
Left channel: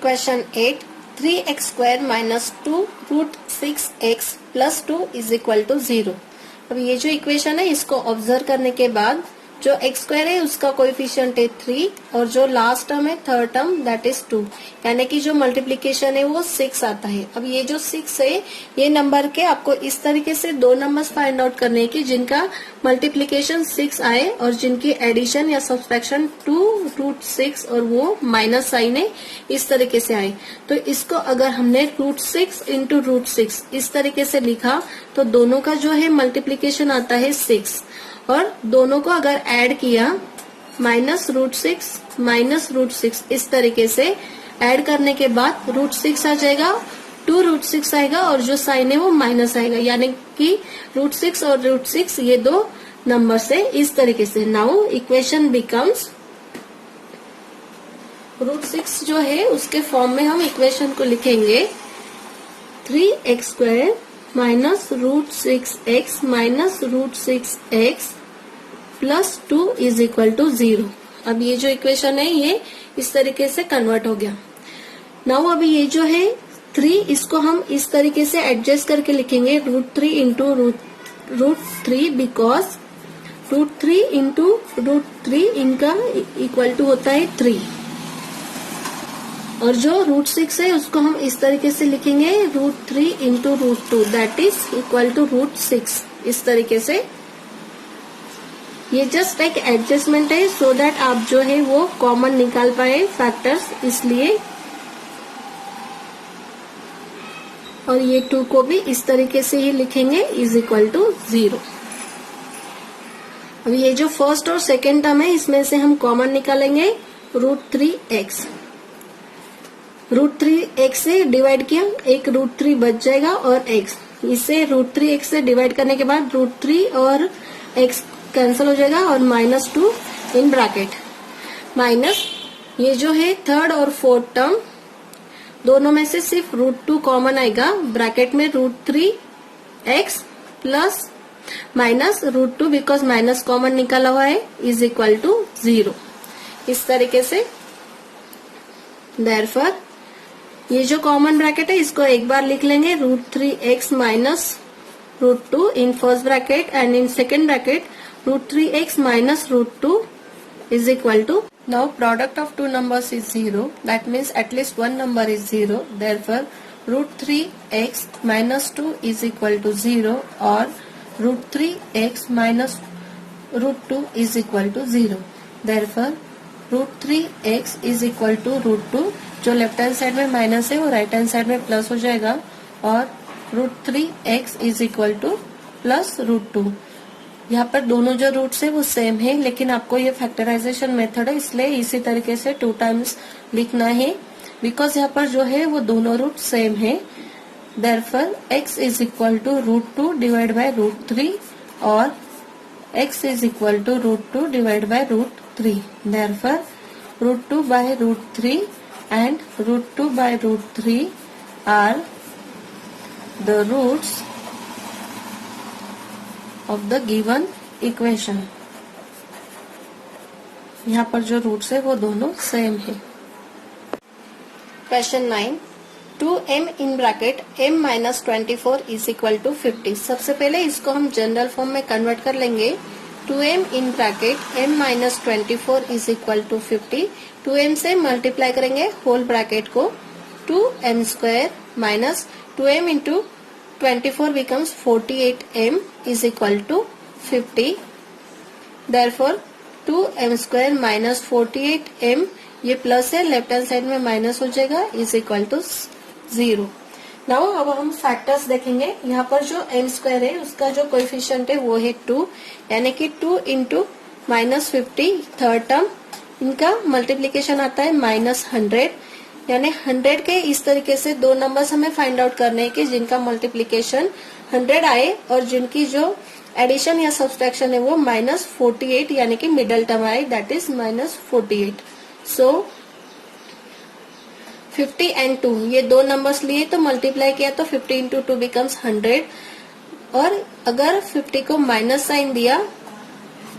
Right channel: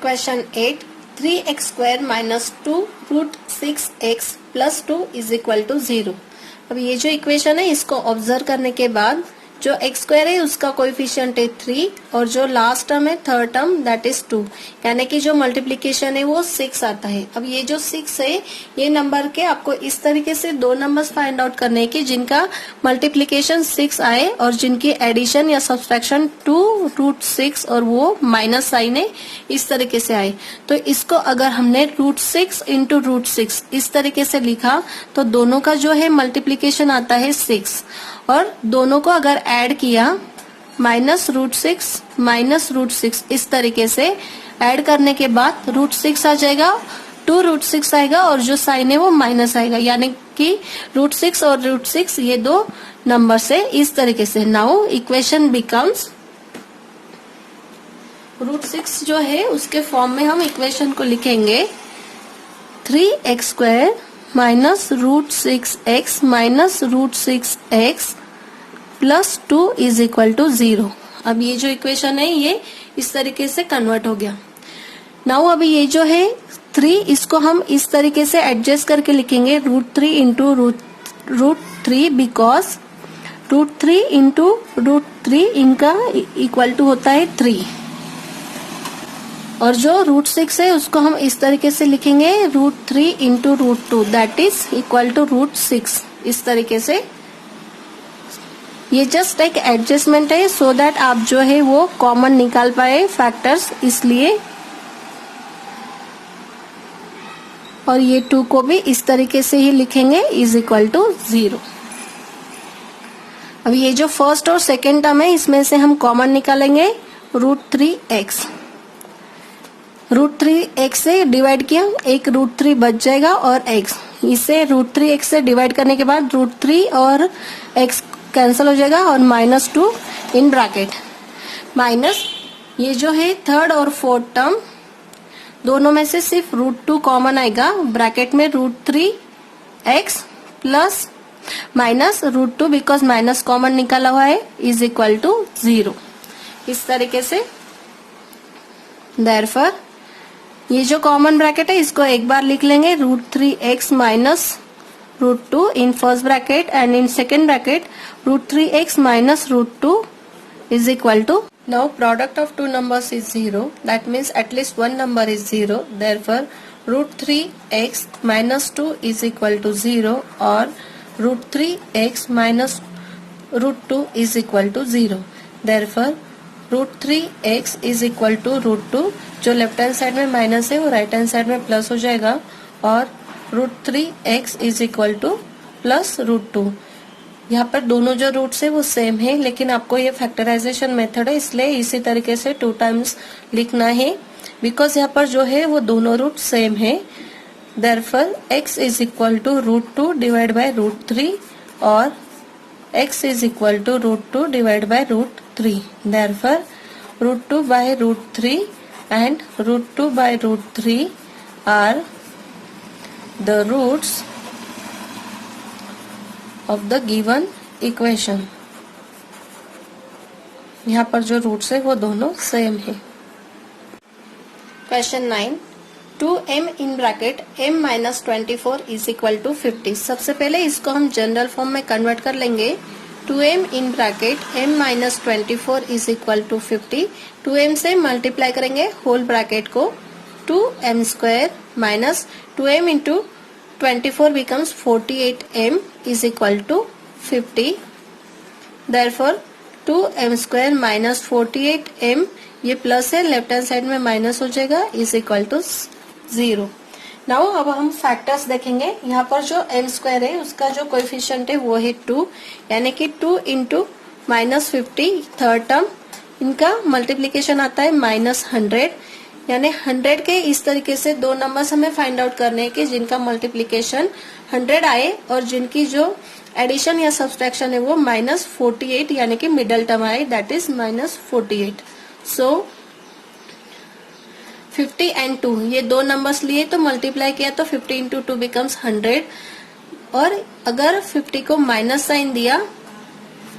Question 8, 3x² - 2 √6x + 2 is equal to 0। अब ये जो इक्वेशन है इसको ऑब्जर्व करने के बाद जो x² है उसका कोएफिशिएंट है 3 और जो लास्ट टर्म है थर्ड टर्म दैट इज 2, यानी कि जो मल्टीप्लीकेशन है वो 6 आता है। अब ये जो 6 है ये नंबर के आपको इस तरीके से दो नंबर्स फाइंड आउट करने की जिनका मल्टीप्लीकेशन 6 आए और जिनकी एडिशन या सब्सट्रैक्शन 2√6 और वो माइनस साइन है इस तरीके से आए। तो इसको अगर हमने √6 × √6 इस तरीके से लिखा तो दोनों का जो है मल्टीप्लीकेशन आता है 6 और दोनों को अगर ऐड किया -√6 इस तरीके से ऐड करने के बाद √6 आ जाएगा, 2√6 आएगा और जो साइन है वो माइनस आएगा, यानी कि √6 और √6 ये दो नंबर से इस तरीके से। नाउ इक्वेशन बिकम्स, √6 जो है उसके फॉर्म में हम इक्वेशन को लिखेंगे 3x² - √6x -√6x + 2 is equal to 0। अब ये जो इक्वेशन है ये इस तरीके से कन्वर्ट हो गया। नाउ अभी ये जो है 3 इसको हम इस तरीके से एडजस्ट करके लिखेंगे √3 × √3 बिकॉज √3 × √3 इनका इक्वल टू होता है 3 और जो √6 है उसको हम इस तरीके से लिखेंगे √3 × √2 दैट इज इक्वल टू √6 इस तरीके से। ये जस्ट एक एडजस्टमेंट है सो दैट आप जो है वो कॉमन निकाल पाए फैक्टर्स, इसलिए। और ये 2 को भी इस तरीके से ही लिखेंगे इज इक्वल टू 0। अब ये जो फर्स्ट और सेकेंड टर्म है इसमें से हम कॉमन निकालेंगे √3x। √3x से डिवाइड किया, एक √3 बच जाएगा और x, इसे √3x से डिवाइड करने के बाद √3 और x कैंसिल हो जाएगा और -2 इन ब्रैकेट माइनस ये जो है थर्ड और फोर्थ टर्म दोनों में से सिर्फ √2 कॉमन आएगा, ब्रैकेट में √3x plus minus √2 because minus common निकला हुआ है इज इक्वल टू 0 इस तरीके से। देयरफॉर ये जो कॉमन ब्रैकेट है इसको एक बार लिख लेंगे √3x - √2 in first bracket and in second bracket √3x - √2 is equal to, now product of two numbers is 0, that means at least one number is 0, therefore √3x - 2 is equal to 0 or √3x - √2 is equal to 0, therefore √3x is equal to √2, जो लेफ्ट हैंड साइड में माइनस है वो राइट हैंड साइड में प्लस हो जाएगा और √3x is equal to +√2। यहाँ पर दोनों जो रूट्स है वो सेम है, लेकिन आपको ये फैक्टराइजेशन मेथड है इसलिए इसी तरीके से 2 टाइम्स लिखना है बिकॉज यहाँ पर जो है वो दोनों रूट सेम है। Therefore x is equal to √2 divide by √3 और x is equal to √2 divide by √3। Therefore √2 by √3 and √2 by √3 are the roots of the given equation। यहाँ पर जो रूट्स है वो दोनों सेम है। Question 9, 2m in bracket m - 24 is equal to 50। सबसे पहले इसको हम जनरल फॉर्म में कन्वर्ट कर लेंगे। 2m in bracket m - 24 is equal to 50। 2m से मल्टीप्लाई करेंगे होल ब्रैकेट को, 2m² minus 2m into 24 becomes 48m is equal to 50. Therefore 2m² minus 48m, ये प्लस है, लेफ्ट हैंड साइड में माइनस हो जाएगा, इज इक्वल टू 0। नाउ अब हम फैक्टर्स देखेंगे। यहाँ पर जो m² है उसका जो कोएफिशिएंट है वो है 2, यानी कि 2 इंटू -50 थर्ड टर्म, इनका मल्टीप्लीकेशन आता है -100, यानी 100 के इस तरीके से दो नंबर्स हमें फाइंड आउट करने हैं कि जिनका मल्टीप्लीकेशन 100 आए और जिनकी जो एडिशन या सब्सट्रैक्शन है वो -48 यानी कि मिडल टर्म आए, दैट इज -48। सो 50 एंड 2 ये दो नंबर्स लिए तो मल्टीप्लाई किया तो 50 इंटू 2 बिकम्स 100, और अगर 50 को माइनस साइन दिया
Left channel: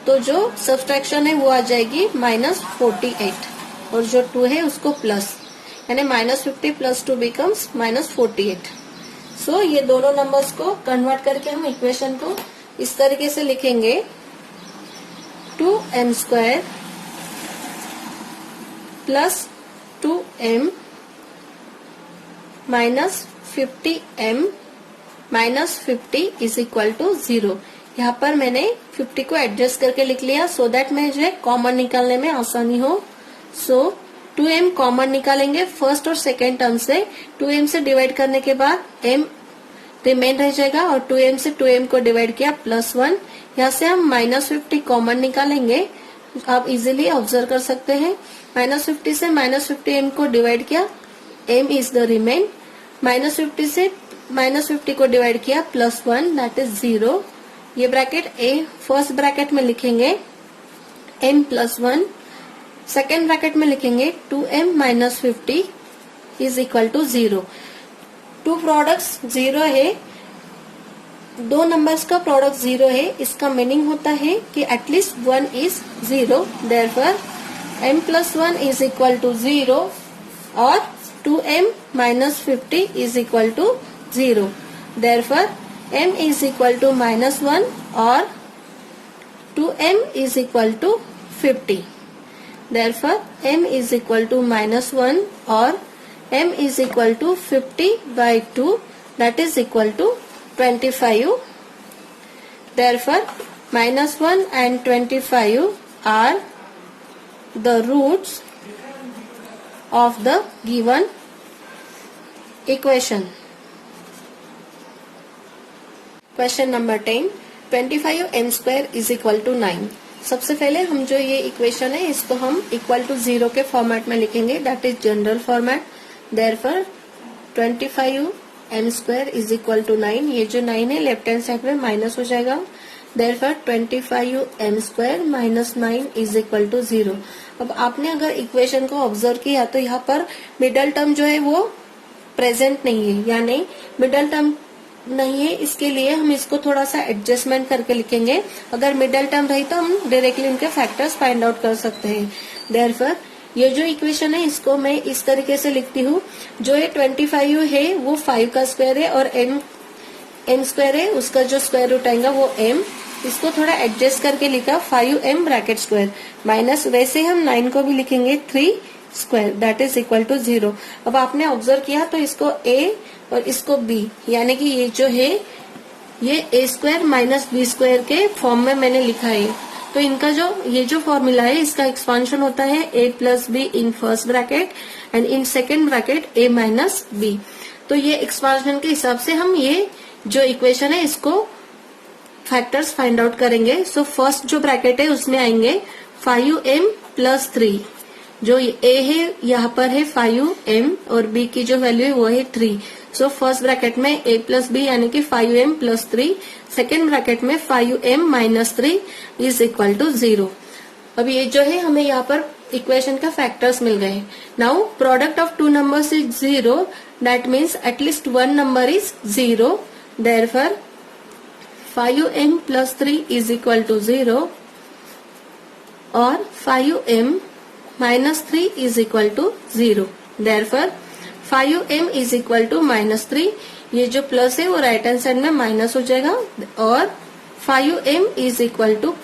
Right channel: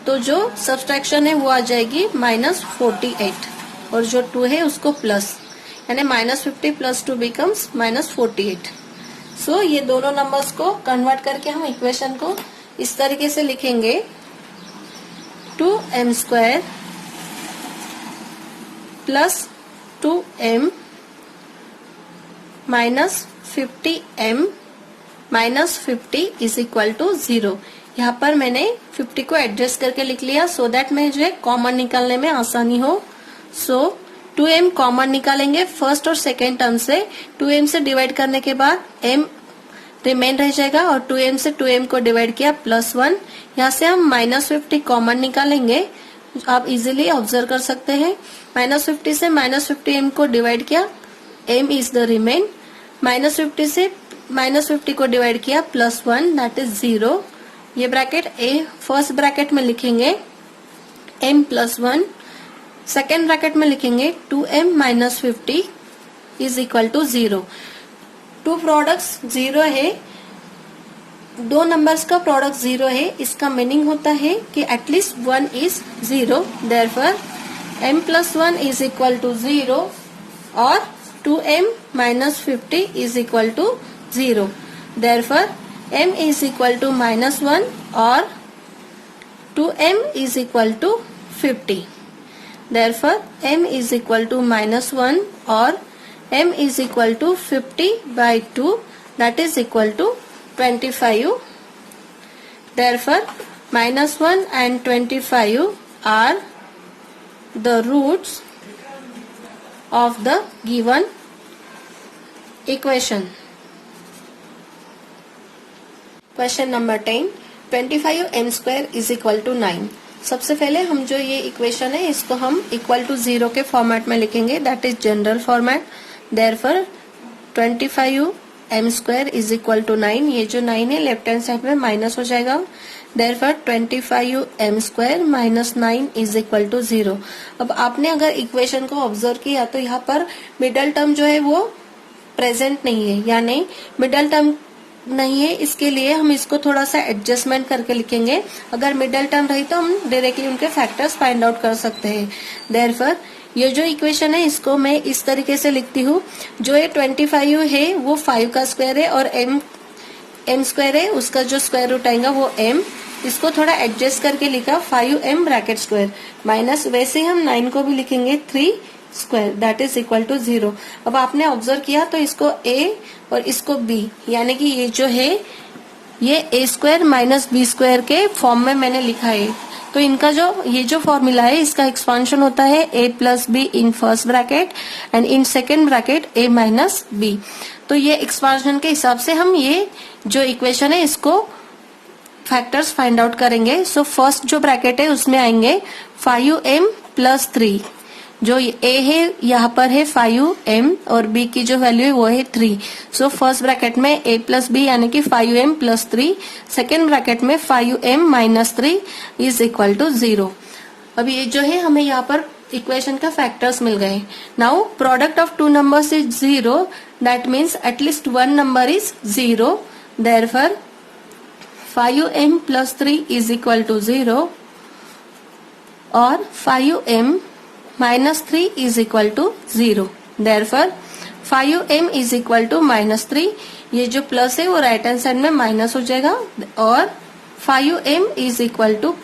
तो जो सब्सट्रैक्शन है वो आ जाएगी -48 और जो 2 है उसको प्लस, यानी -50 + 2 बिकम्स -48। सो ये दोनों नंबर्स को कन्वर्ट करके हम इक्वेशन को इस तरीके से लिखेंगे 2m² + 2m -50m -50 = 0। यहाँ पर मैंने 50 को एडजस्ट करके लिख लिया सो दैट मैं जो है कॉमन निकालने में आसानी हो। सो 2m कॉमन निकालेंगे फर्स्ट और सेकेंड टर्म से, 2m से डिवाइड करने के बाद m रिमेन रह जाएगा और 2m से 2m को डिवाइड किया +1। यहाँ से हम -50 कॉमन निकालेंगे, आप इजीली ऑब्जर्व कर सकते हैं। -50 से -50m को डिवाइड किया, m इज द रिमेन। -50 से -50 को डिवाइड किया +1 दैट इज 0। ये ब्रैकेट ए फर्स्ट ब्रैकेट में लिखेंगे m +1, सेकेंड ब्रैकेट में लिखेंगे 2m -50 = 0। टू प्रोडक्ट्स 0 है, दो नंबर्स का प्रोडक्ट 0 है, इसका मीनिंग होता है कि एटलीस्ट 1 इज 0। देयरफॉर m +1 = 0 और 2m -50 = 0। देयरफॉर m = -1 और 2m = 50। Therefore m = -1 और m = 50/2 that is equal to 25। Therefore -1 and 25 are the roots of the given equation। Question number 10, 25m² = 9। सबसे पहले हम जो ये इक्वेशन है इसको हम =0 के फॉर्मेट में लिखेंगे, that is general format. Therefore 25m² = 9, ये जो 9 है लेफ्ट हैंड साइड में माइनस हो जाएगा। Therefore 25m² - 9 = 0। अब आपने अगर इक्वेशन को ऑब्जर्व किया तो यहाँ पर मिडल टर्म जो है वो प्रेजेंट नहीं है, यानी मिडल टर्म नहीं है, इसके लिए हम इसको थोड़ा सा एडजस्टमेंट करके लिखेंगे। अगर मिडल टर्म रही तो हम डायरेक्टली उनके फैक्टर्स फाइंड आउट कर सकते हैं। देयरफॉर ये जो इक्वेशन है इसको मैं इस तरीके से लिखती हूँ, जो ये 25 है वो 5 का स्क्वायर है और m² है, उसका जो स्क्वायर रूट आएगा वो m। इसको थोड़ा एडजस्ट करके लिखा 5m² माइनस, वैसे हम 9 को भी लिखेंगे 3² दैट इज इक्वल टू 0। अब आपने ऑब्जर्व किया तो इसको a और इसको b, यानी कि ये जो है ये a² - b² के फॉर्म में मैंने लिखा है। तो इनका जो ये जो फॉर्मूला है इसका एक्सपांशन होता है a + b in first bracket and in second bracket a - b। तो ये एक्सपांशन के हिसाब से हम ये जो इक्वेशन है इसको फैक्टर्स फाइंड आउट करेंगे। सो फर्स्ट जो ब्रैकेट है उसमें आएंगे 5m + 3, जो a है यहाँ पर है 5m और b की जो वैल्यू है वो है 3। सो फर्स्ट ब्रैकेट में a + b यानी कि 5m + 3, सेकेंड ब्रैकेट में 5m - 3 = 0। अब ये जो है हमें यहाँ पर इक्वेशन का फैक्टर्स मिल गए। Now product of two numbers is 0, that means at least one number is 0। Therefore 5m + 3 = 0 और 5m -3 = 0। देयरफॉर 5m = -3, ये जो प्लस है वो राइट हैंड साइड में माइनस हो जाएगा और 5m =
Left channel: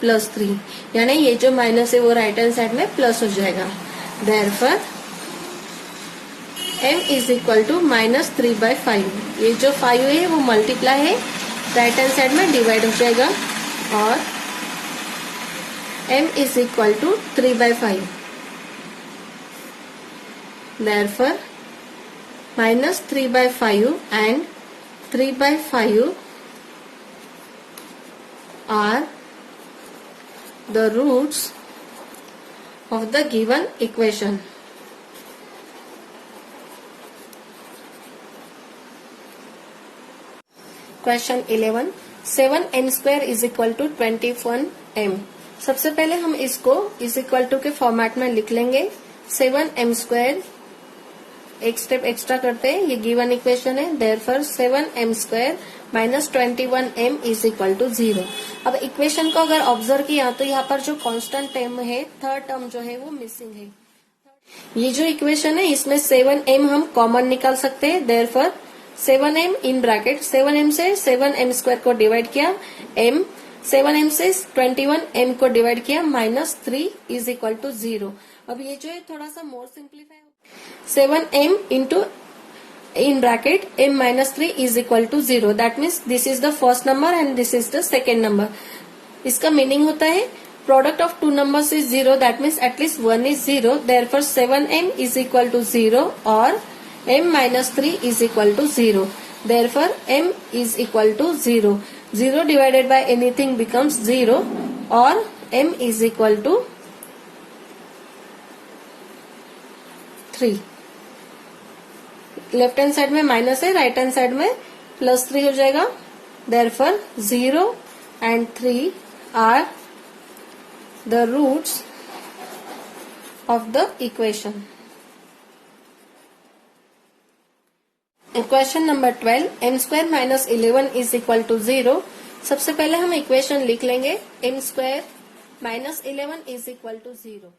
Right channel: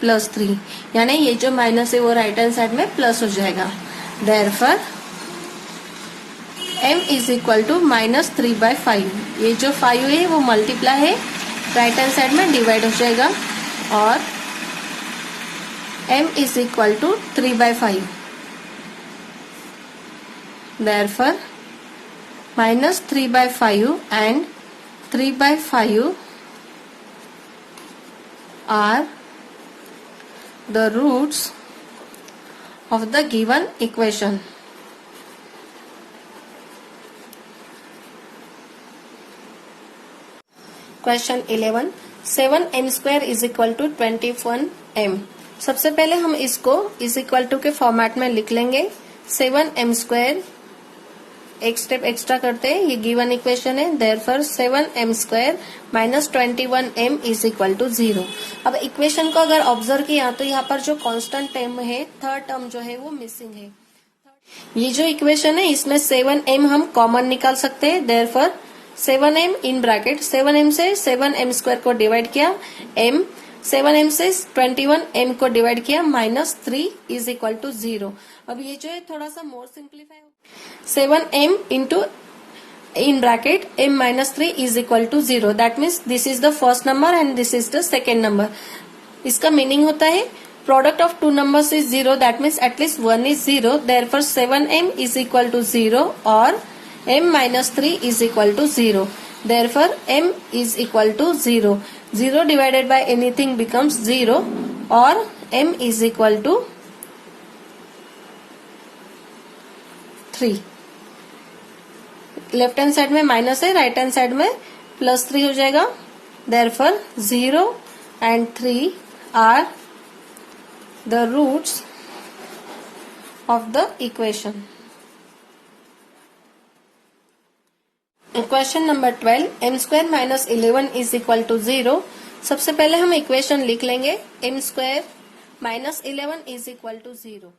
+3, यानी ये जो माइनस है वो राइट हैंड साइड में प्लस हो जाएगा। देयरफॉर m = -3/5, ये जो 5 है वो मल्टीप्लाई है, राइट हैंड साइड में डिवाइड हो जाएगा और m = 3/5। Therefore, -3/5 and 3/5 are the roots of the given equation। Question 11 7m² is equal to 21m। सबसे पहले हम इसको इज इक्वल टू के फॉर्मेट में लिख लेंगे। 7m², एक स्टेप एक्स्ट्रा करते हैं, ये गिवन इक्वेशन है, therefore 7m² minus 21m is equal to 0। अब इक्वेशन को अगर ऑब्जर्व किया तो यहाँ पर जो कांस्टेंट टर्म है, थर्ड टर्म जो है वो मिसिंग है। ये जो इक्वेशन है इसमें 7m हम कॉमन निकाल सकते हैं, therefore 7m in bracket 7m से 7m² को डिवाइड किया, m 7m से 21m को डिवाइड किया, -3 इज इक्वल टू 0। अब ये जो है थोड़ा सा more simplify, 7m into in bracket m minus 3 is equal to 0. That means this is the first number and this is the second number. इसका मीनिंग होता है product of two numbers is 0. That means at least one is 0. Therefore 7m is equal to 0 or m minus 3 is equal to 0. Therefore m is equal to 0. 0 divided by anything becomes 0 or m is equal to 3. Left hand side में माइनस है, राइट हैंड साइड में +3 हो जाएगा। Therefore 0 and 3 are the roots of the equation. Question number 12 m² minus 11 is equal to 0। सबसे पहले हम इक्वेशन लिख लेंगे, m² minus 11 is equal to 0।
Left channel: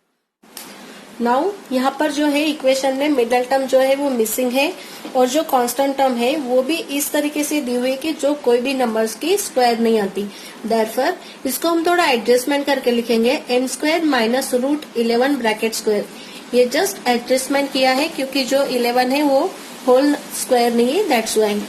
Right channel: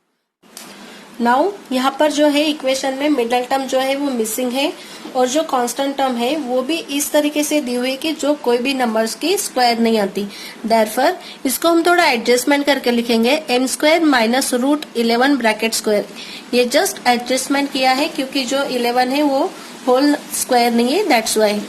Now यहाँ पर जो है इक्वेशन में मिडल टर्म जो है वो मिसिंग है और जो कांस्टेंट टर्म है वो भी इस तरीके से दी हुई है कि जो कोई भी नंबर्स की स्क्वायर नहीं आती। देयरफॉर इसको हम थोड़ा एडजस्टमेंट करके लिखेंगे, m² माइनस √11 ब्रैकेट स्क्वायर। ये जस्ट एडजस्टमेंट किया है क्योंकि जो 11 है वो होल स्क्वायर नहीं है, दैट्स वाई।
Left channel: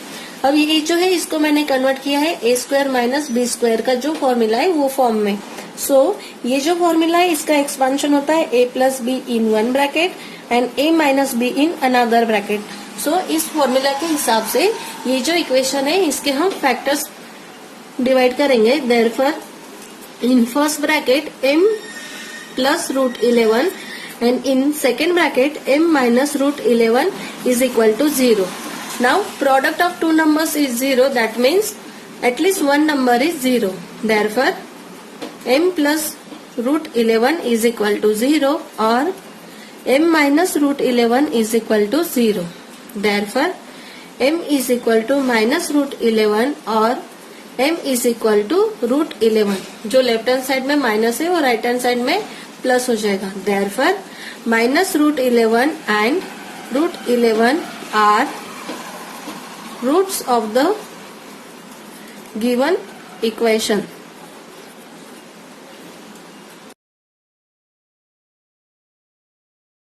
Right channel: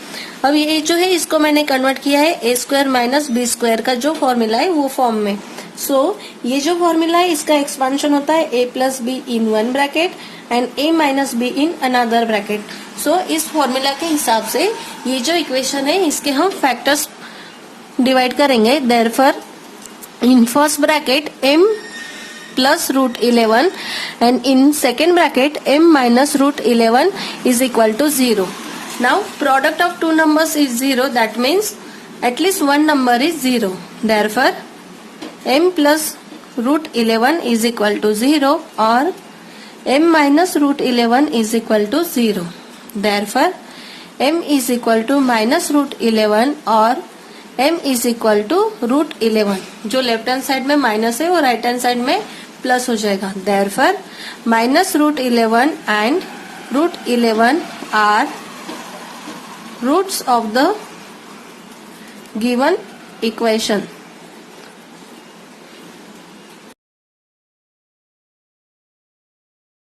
अब ये जो है इसको मैंने कन्वर्ट किया है a² माइनस b² का जो फॉर्मूला है वो फॉर्म में। सो ये जो फॉर्मूला है इसका एक्सपेंशन होता है a plus B in one bracket and a minus B in another bracket. So इस फॉर्मूला के हिसाब से ये जो इक्वेशन है इसके हम फैक्टर्स डिवाइड करेंगे। Therefore in first bracket m plus √11 and in second bracket m minus √11 is equal to 0। Now product of two numbers is 0, that means at least one number is 0। Therefore m plus √11 is equal to 0 or m minus √11 is equal to 0. Therefore, m is equal to minus √11 or m is equal to √11। जो लेफ्ट हैंड साइड में माइनस है वो राइट हैंड साइड में प्लस हो जाएगा। Therefore, minus √11 and √11 are roots of the given equation।